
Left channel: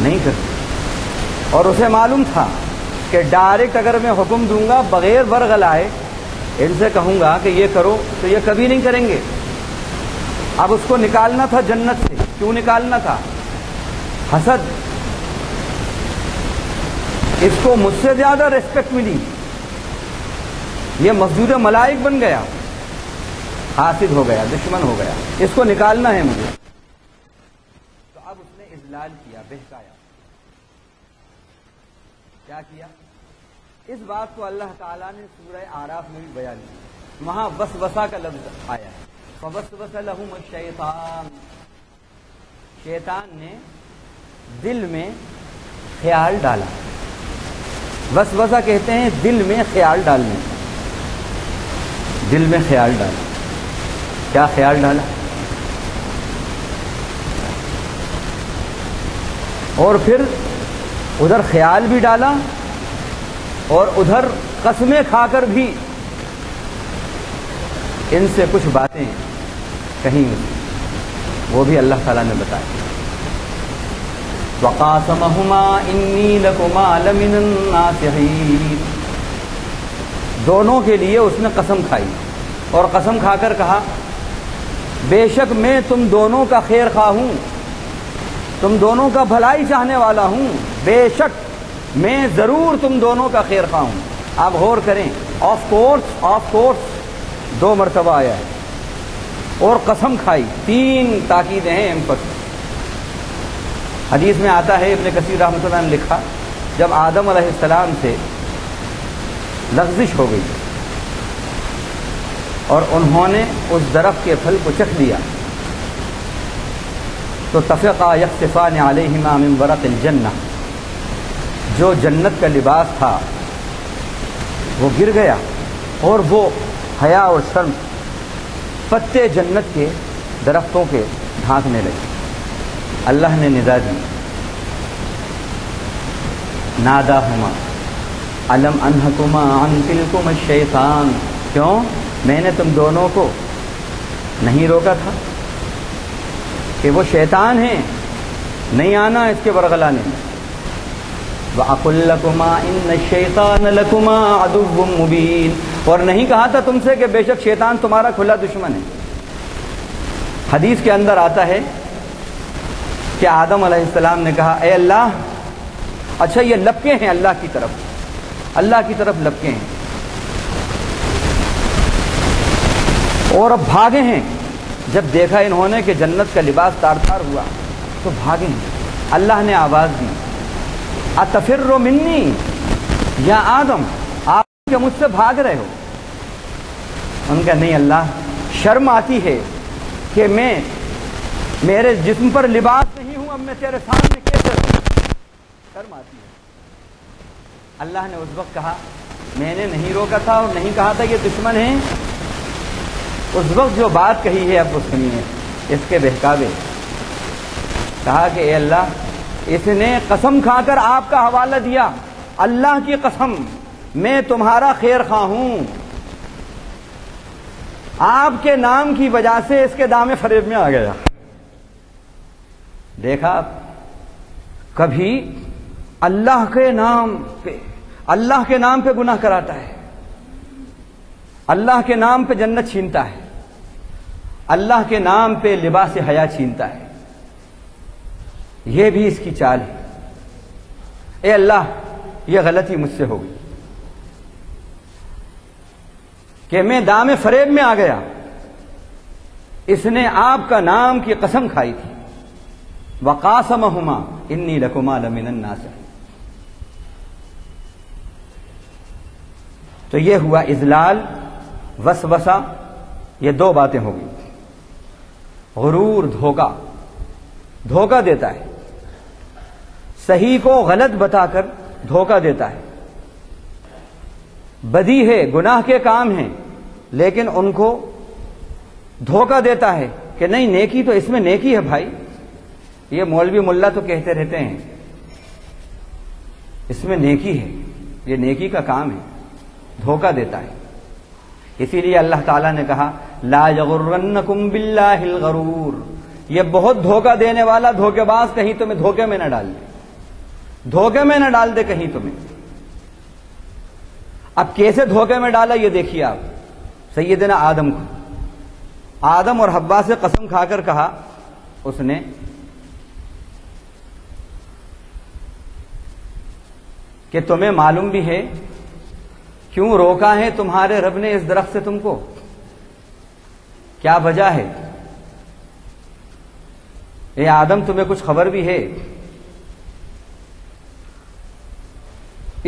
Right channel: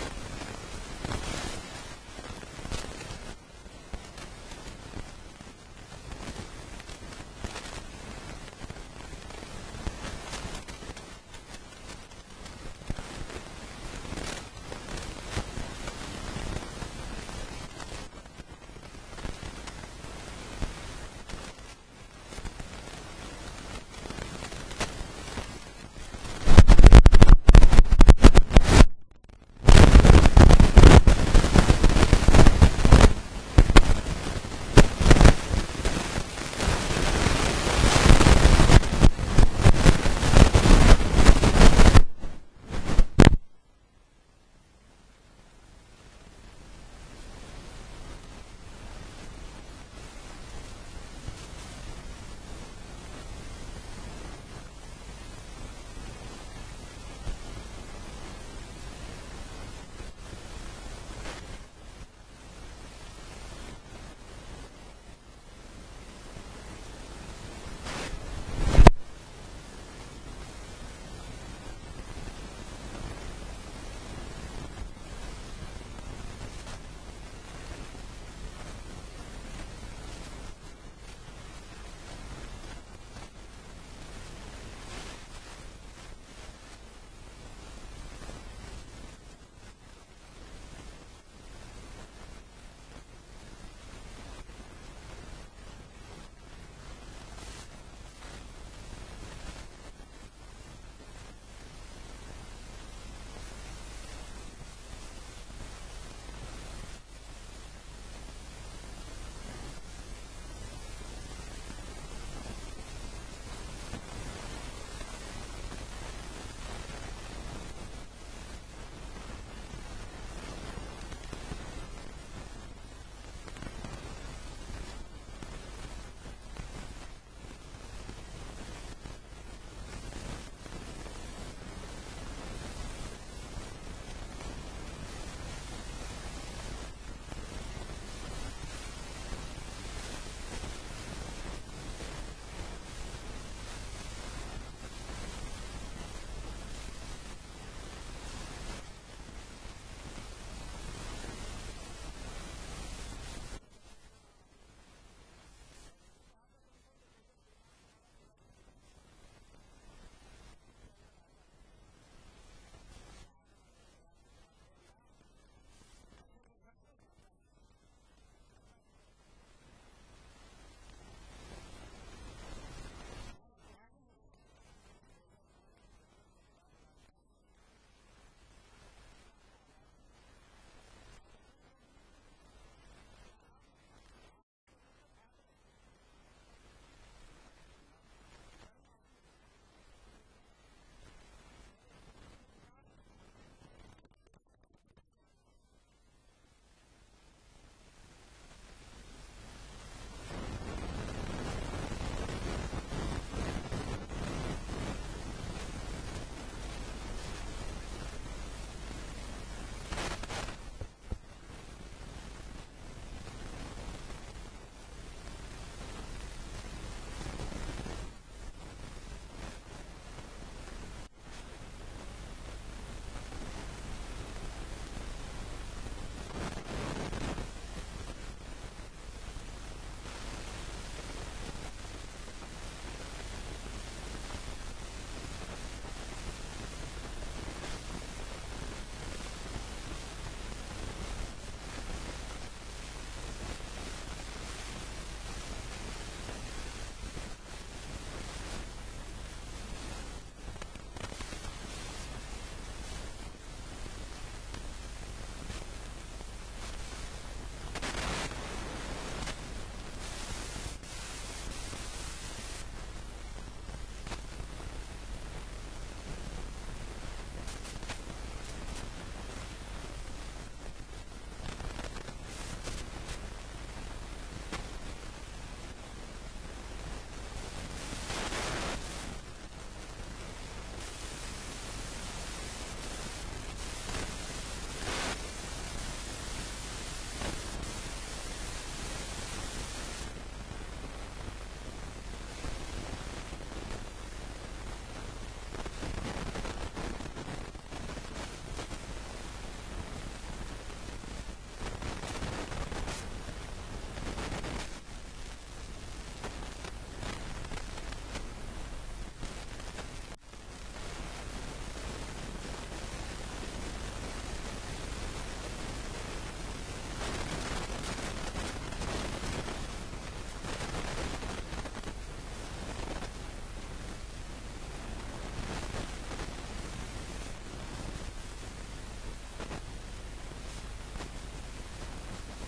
نہیں کرتے، اور اسے معلوم تھا کہ ڈائریکٹ اگر میں حکم دوں گا بغیر ورغلائے، ان سے کہوں گا کہ یہ کرو تو یہ کبھی نہیں کریں گے۔ اب اس کو نکالنا تھا جنت سے، کیوں نکالنا تھا؟ حسد، اس کو مجھ سے زیادہ ریسپیکٹ ملی، یہ مسجود ملائک بن گیا، حاسد ہو گیا، دشمن ہو گیا، اس کو نکالنا ہے مجھے۔ اب اس نے استدلال کیا اس بات کو اللہ تعالیٰ نے سورہ اعراف میں بیان کیا، وہاں وسوسہ کا لفظ آیا، ووسوس لہ شیطان نے دل میں خیال ڈالا۔ وسوسہ کہتے ہیں دل میں خیال ڈالنے، دل میں خیال ڈالا۔ کیا خیال ڈالا؟ اور پھر ادھر خیال بھی ڈالا اور ادھر قسمیں کھا کر بھی ان سے کچھ باتیں کہیں، وہ بھی اللہ تعالیٰ نے بتایا۔ وَقَاسَمَهُمَا إِنِّي لَكُمَا لَمِنَ النَّاصِحِينَ، دونوں کے لیے اس نے قسم کھائی، اور قسم کھا کر کہا بے شک میں تم دونوں کا خیر خواہ ہوں، تم دونوں کا بھلائی چاہنے والا ہوں، بے شک میں ضرور تم دونوں کا خیر خواہ ہوں۔ آپ غور کریں، آف کورس 2 مرتبہ آیا ہے، اور قسم کھائی 3 تاکیدیں ہیں امپس۔ حدیث میں آتا ہے، ابن کثیر رحمۃ اللہ نے لکھا، جب آدم علیہ السلام سے لغزش ہو گئی اور انہوں نے اس درخت کے پھل کو چکھ لیا، تو طفقا یخصفان علیہما من ورق الجنہ، جو جنت کا لباس تھا وہ گر گیا، اور وہ حیا اور شرم پتے جنت کے درختوں کے ڈھانکنے لگے۔ اللہ نے ندا دی، ناداہما الم انہکما عن تلکما الشیطان، کیوں؟ میں نے تم دونوں کو نہیں روکا تھا کہ وہ شیطان ہیں، نہیں آنا اس کے ورغلانے میں۔ وَأَقُلْ لَكُمَا إِنَّ الشَّيْطَانَ لَكُمَا عَدُوٌّ مُبِينٌ، اور نہیں کہا تھا تم سے کہ بے شک شیطان تمہارا کھلا دشمن ہے۔ حدیث کے اندر آتا ہے کہ آدم علیہ السلام نے کہا اے اللہ، اچھا یہ لپکے ہیں اللہ کی طرف لپکے ہیں، اور اب بھاگے ہیں۔ جب دیکھا انہوں نے کہ جنت کا لباس تار تار ہوا تو بھاگے ہیں۔ اللہ نے آواز دی، اتفر منی یا آدم، آپ کیا مجھ سے بھاگ رہے ہو؟ ان کا نہیں اللہ، شرم آتی ہے کہ میں میرے جسم پر لباس نہیں ہوں، اب میں تیرے سامنے کیسے رہوں؟ شرم آتی ہے۔ اللہ نے اس وقت کہا میں نے نہیں روکا تھا اور نہیں کہا تھا یہ دشمن ہیں۔ اس وقت جو بات کہی ہے اب وہ سنیے اس کے بہکاوے۔ کہا کہ اے اللہ، اس نے قسم کھا کر آپ کا حوالہ دیا، اللہ کی قسم میں تمہارا خیر خواہ ہوں، آپ کے نام کی وجہ سے اس کے دام فریب میں آ گیا۔ دیکھا کبھی اللہ کے نام پہ گناہ کراتا ہے، اللہ کے نام پہ جنت چھینتا ہے، اللہ کے نام پہ لباس حیا چھینتا ہے۔ یہ بھی اس کی چال ہے۔ اے اللہ، یہ غلطی مجھ سے ہوگی کہ میں دام فریب میں آ گیا۔ اس نے آپ کا نام کی قسم کھائی تھی، وَقَاسَمَهُمَا إِنِّي لَكُمَا لَمِنَ النَّاصِحِينَ۔ تو یہ ہوا اذلال، وسوسہ، یہ دو باتیں ہو گئی۔ غرور، دھوکہ دیتا ہے، صحیح کو غلط بتا کر دھوکہ دیتا ہے۔ بدی ہے، گناہ کے کام ہیں، لیکن ان کو دھوکہ دیتا ہے کہ نہیں نیکی تو اس میں نیکی ہے بھائی۔ یہ مولوی ملا تو کہتے رہتے ہیں اس میں نیکی ہے، یہ نیکی کا کام ہے، دھوکہ دیتا ہے۔ اسی لیے اللہ تعالیٰ نے کہا لا یغرنکم باللہ الغرور، یہ بہت دھوکہ دینے والا دھوکے باز کہیں تمہیں دھوکے میں نہ ڈال دے، دھوکے میں نہ ڈال دے کہیں تمہیں۔ اب کیسے دھوکے میں ڈالا یہ دیکھیے آپ۔ سیدنا آدم کو، آدم اور حوا سے قسم کھا کر کہا اس نے کہ تمہیں معلوم بھی ہے کیوں روکا ہے تمہارے رب نے اس درخت سے تم کو، کیا وجہ ہے؟ اے آدم تمہیں کچھ خبر بھی ہے،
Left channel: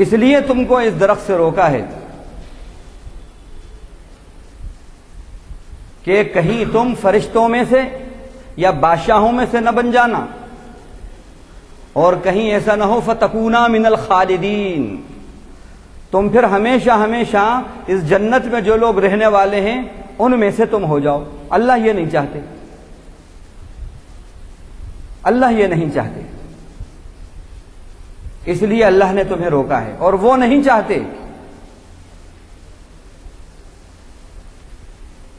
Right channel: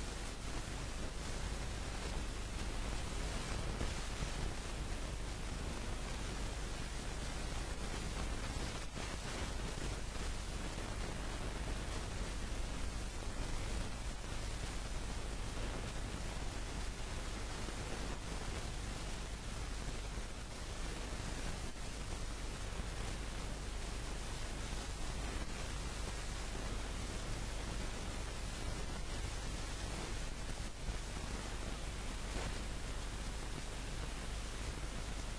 اس لیے تم کو اس درخت سے روکا ہے کہ کہیں تم فرشتوں میں سے یا بادشاہوں میں سے نہ بن جانا، اور کہیں ایسا نہ ہو فتکونا من الخالدین، تم پھر ہمیشہ ہمیشہ اس جنت میں جو لوگ رہنے والے ہیں ان میں سے تم ہو جاؤ۔ اللہ یہ نہیں چاہتے، اللہ یہ نہیں چاہتے، اس لیے اللہ نے تمہیں روکا ہے۔ اور وہ نہیں چاہتے،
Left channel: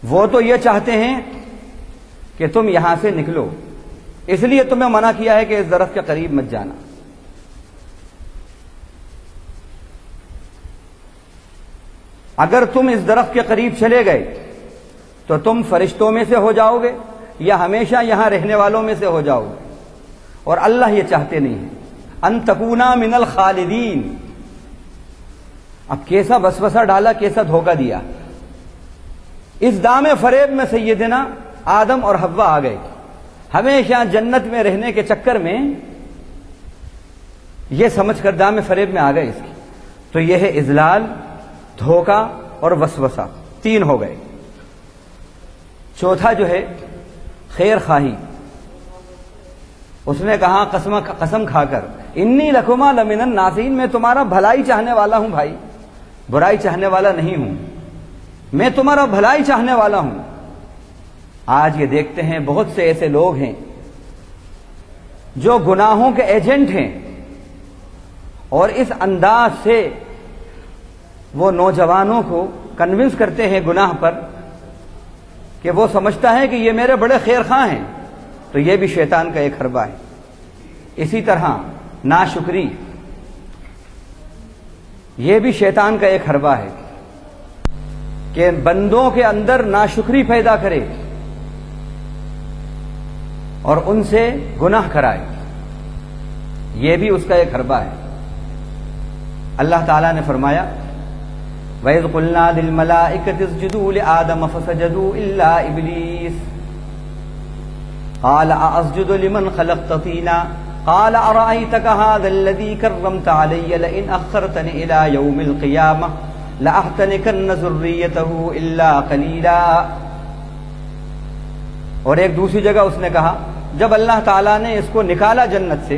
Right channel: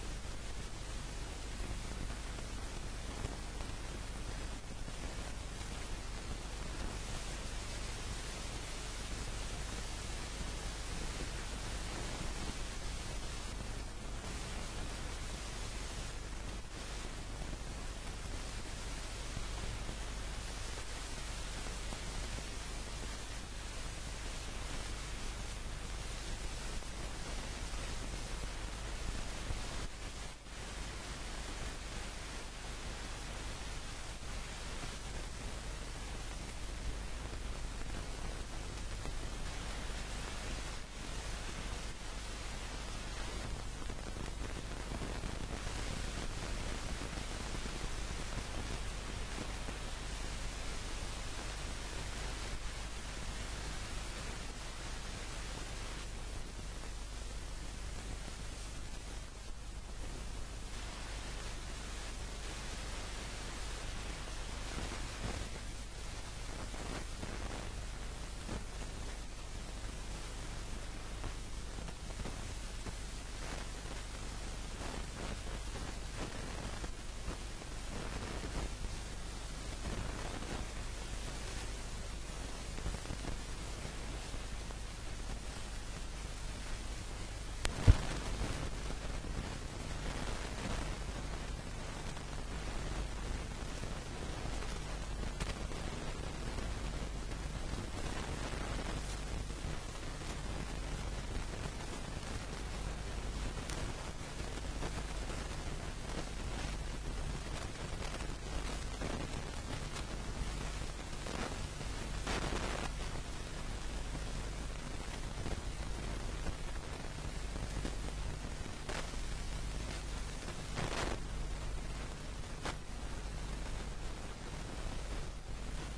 وہ تو یہ چاہتے ہیں کہ تم یہاں سے نکلو، اس لیے تمہیں منع کیا ہے کہ اس درخت کے قریب مت جانا۔ اگر تم اس درخت کے قریب چلے گئے تو تم فرشتوں میں سے ہو جاؤ گے یا ہمیشہ یہاں رہنے والوں میں سے ہو جاؤ گے، اور اللہ یہ چاہتے نہیں ہیں۔ ان تکونا من الخالدین، اب کیسا وسوسہ ڈالا، کیسا دھوکہ دیا۔ اس دام فریب میں سیدنا آدم اور حوا آ گئے، ہمیشہ جنت میں رہنے کے چکر میں یہ سمجھ کر دام فریب میں آ گئے اس کی۔ تو یہ ہے اذلال، دھوکہ اور وسوسہ، تین ہو گئے۔ چوتھا جو ہے خیر خواہی، اس نے کہا قسم کھا کر انی لکما لمن الناصحین، میں تمہارا بھلائی چاہنے والا ہوں بھائی، برائی چاہنے والا نہیں ہوں، میں تمہارا بھلائی چاہنے والا ہوں۔ آج یہ دیکھتے ہیں بہت سے ایسے لوگ ہیں جو گناہوں کے ایجنٹ ہیں، اور اس انداز سے وہ نوجوانوں کو کنونس کرتے ہیں گناہ پر کہ وہ سمجھتا ہے کہ یہ میرے بڑے خیر خواہ ہیں۔ تو یہ بھی شیطان کا ایک حربہ ہے۔ اسی طرح ناشکری، یہ بھی شیطان کا ایک حربہ ہے کہ بندوں کے اندر ناشکری پیدا کرے اور ان سے گناہ کرائے، یہ بھی اس کا ایک حربہ ہے۔ اللہ تعالیٰ نے فرمایا وَإِذْ قُلْنَا لِلْمَلَائِكَةِ اسْجُدُوا لِآدَمَ فَسَجَدُوا إِلَّا إِبْلِيسَ قَالَ أَأَسْجُدُ لِمَنْ خَلَقْتَ طِينًا قَالَ أَرَأَيْتَكَ هَذَا الَّذِي كَرَّمْتَ عَلَيَّ لَئِنْ أَخَّرْتَنِ إِلَى يَوْمِ الْقِيَامَةِ لَأَحْتَنِكَنَّ ذُرِّيَّتَهُ إِلَّا قَلِيلًا۔ اور ایک دوسری جگہ اس نے کہا جب اللہ تعالیٰ نے اس کو نکالا جنت سے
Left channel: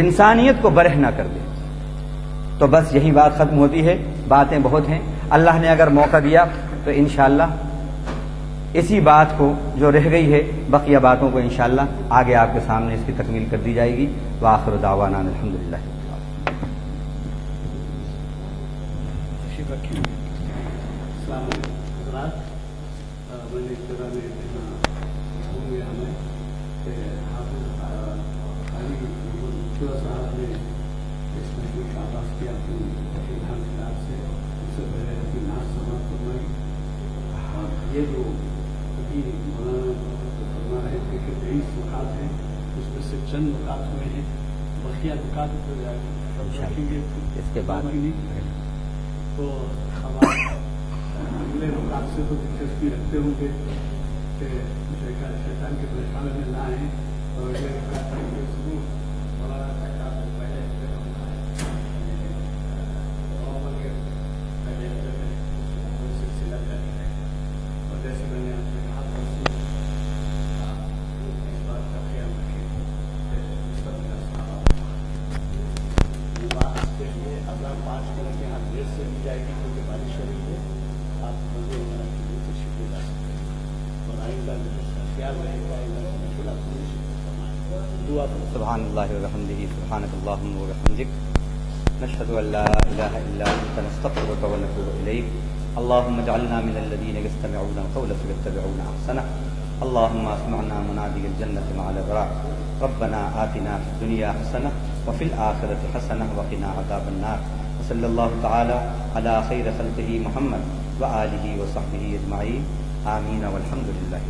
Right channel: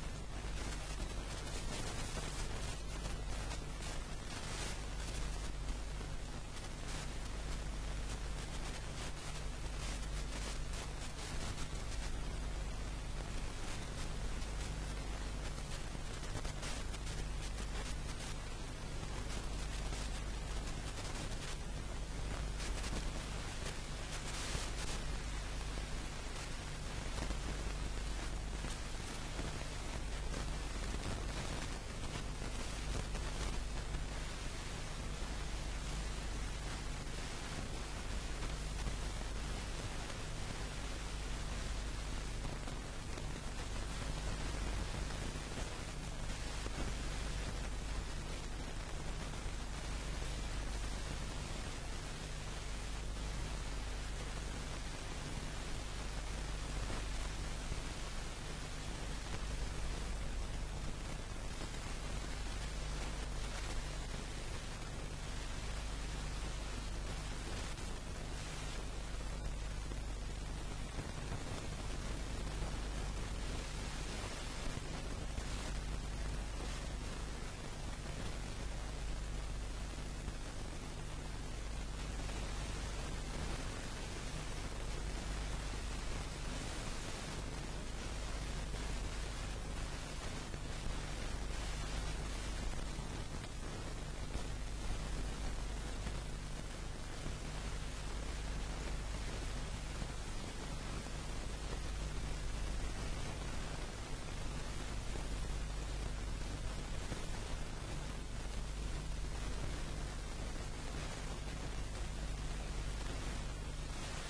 انسانیت کو برہ نہ کر دے. تو بس یہی بات ختم ہوتی ہے. باتیں بہت ہیں، اللہ نے اگر موقع دیا تو انشاءاللہ اسی بات کو جو رہ گئی ہے بقیہ باتوں کو انشاءاللہ آگے آپ کے سامنے اس کی تکمیل کر دی جائے گی. وآخر دعوانا الحمدللہ. یہ جو فرما رہے تھے کہ 23 نکات ہیں، اس میں سے چند نکات ہوئے ہیں، بقیہ نکات رکھیں گے اس کے بعد تو ہم اگلے نکات سے تو دلچسپی رکھتے ہوں گے کہ شیطان کے پریشان میں نہ آئیں اور اگلے نکات کے ضرور سبحان اللہ وبحمدہ سبحانک اللہم وبحمدک نشہد ان لا الہ الا انت نستغفرک ونتوب الیک. اللہم اجعلنا من الذین یستمعون القول فیتبعون احسنہ. اللہم اسمعنا منادی الجنۃ مع الابرار. ربنا آتنا فی الدنیا حسنہ وفی الآخرۃ حسنہ وقنا عذاب النار. وصلی اللہ تعالی علی خیر خلقہ محمد وآلہ وصحبہ اجمعین. آمین والحمد للہ.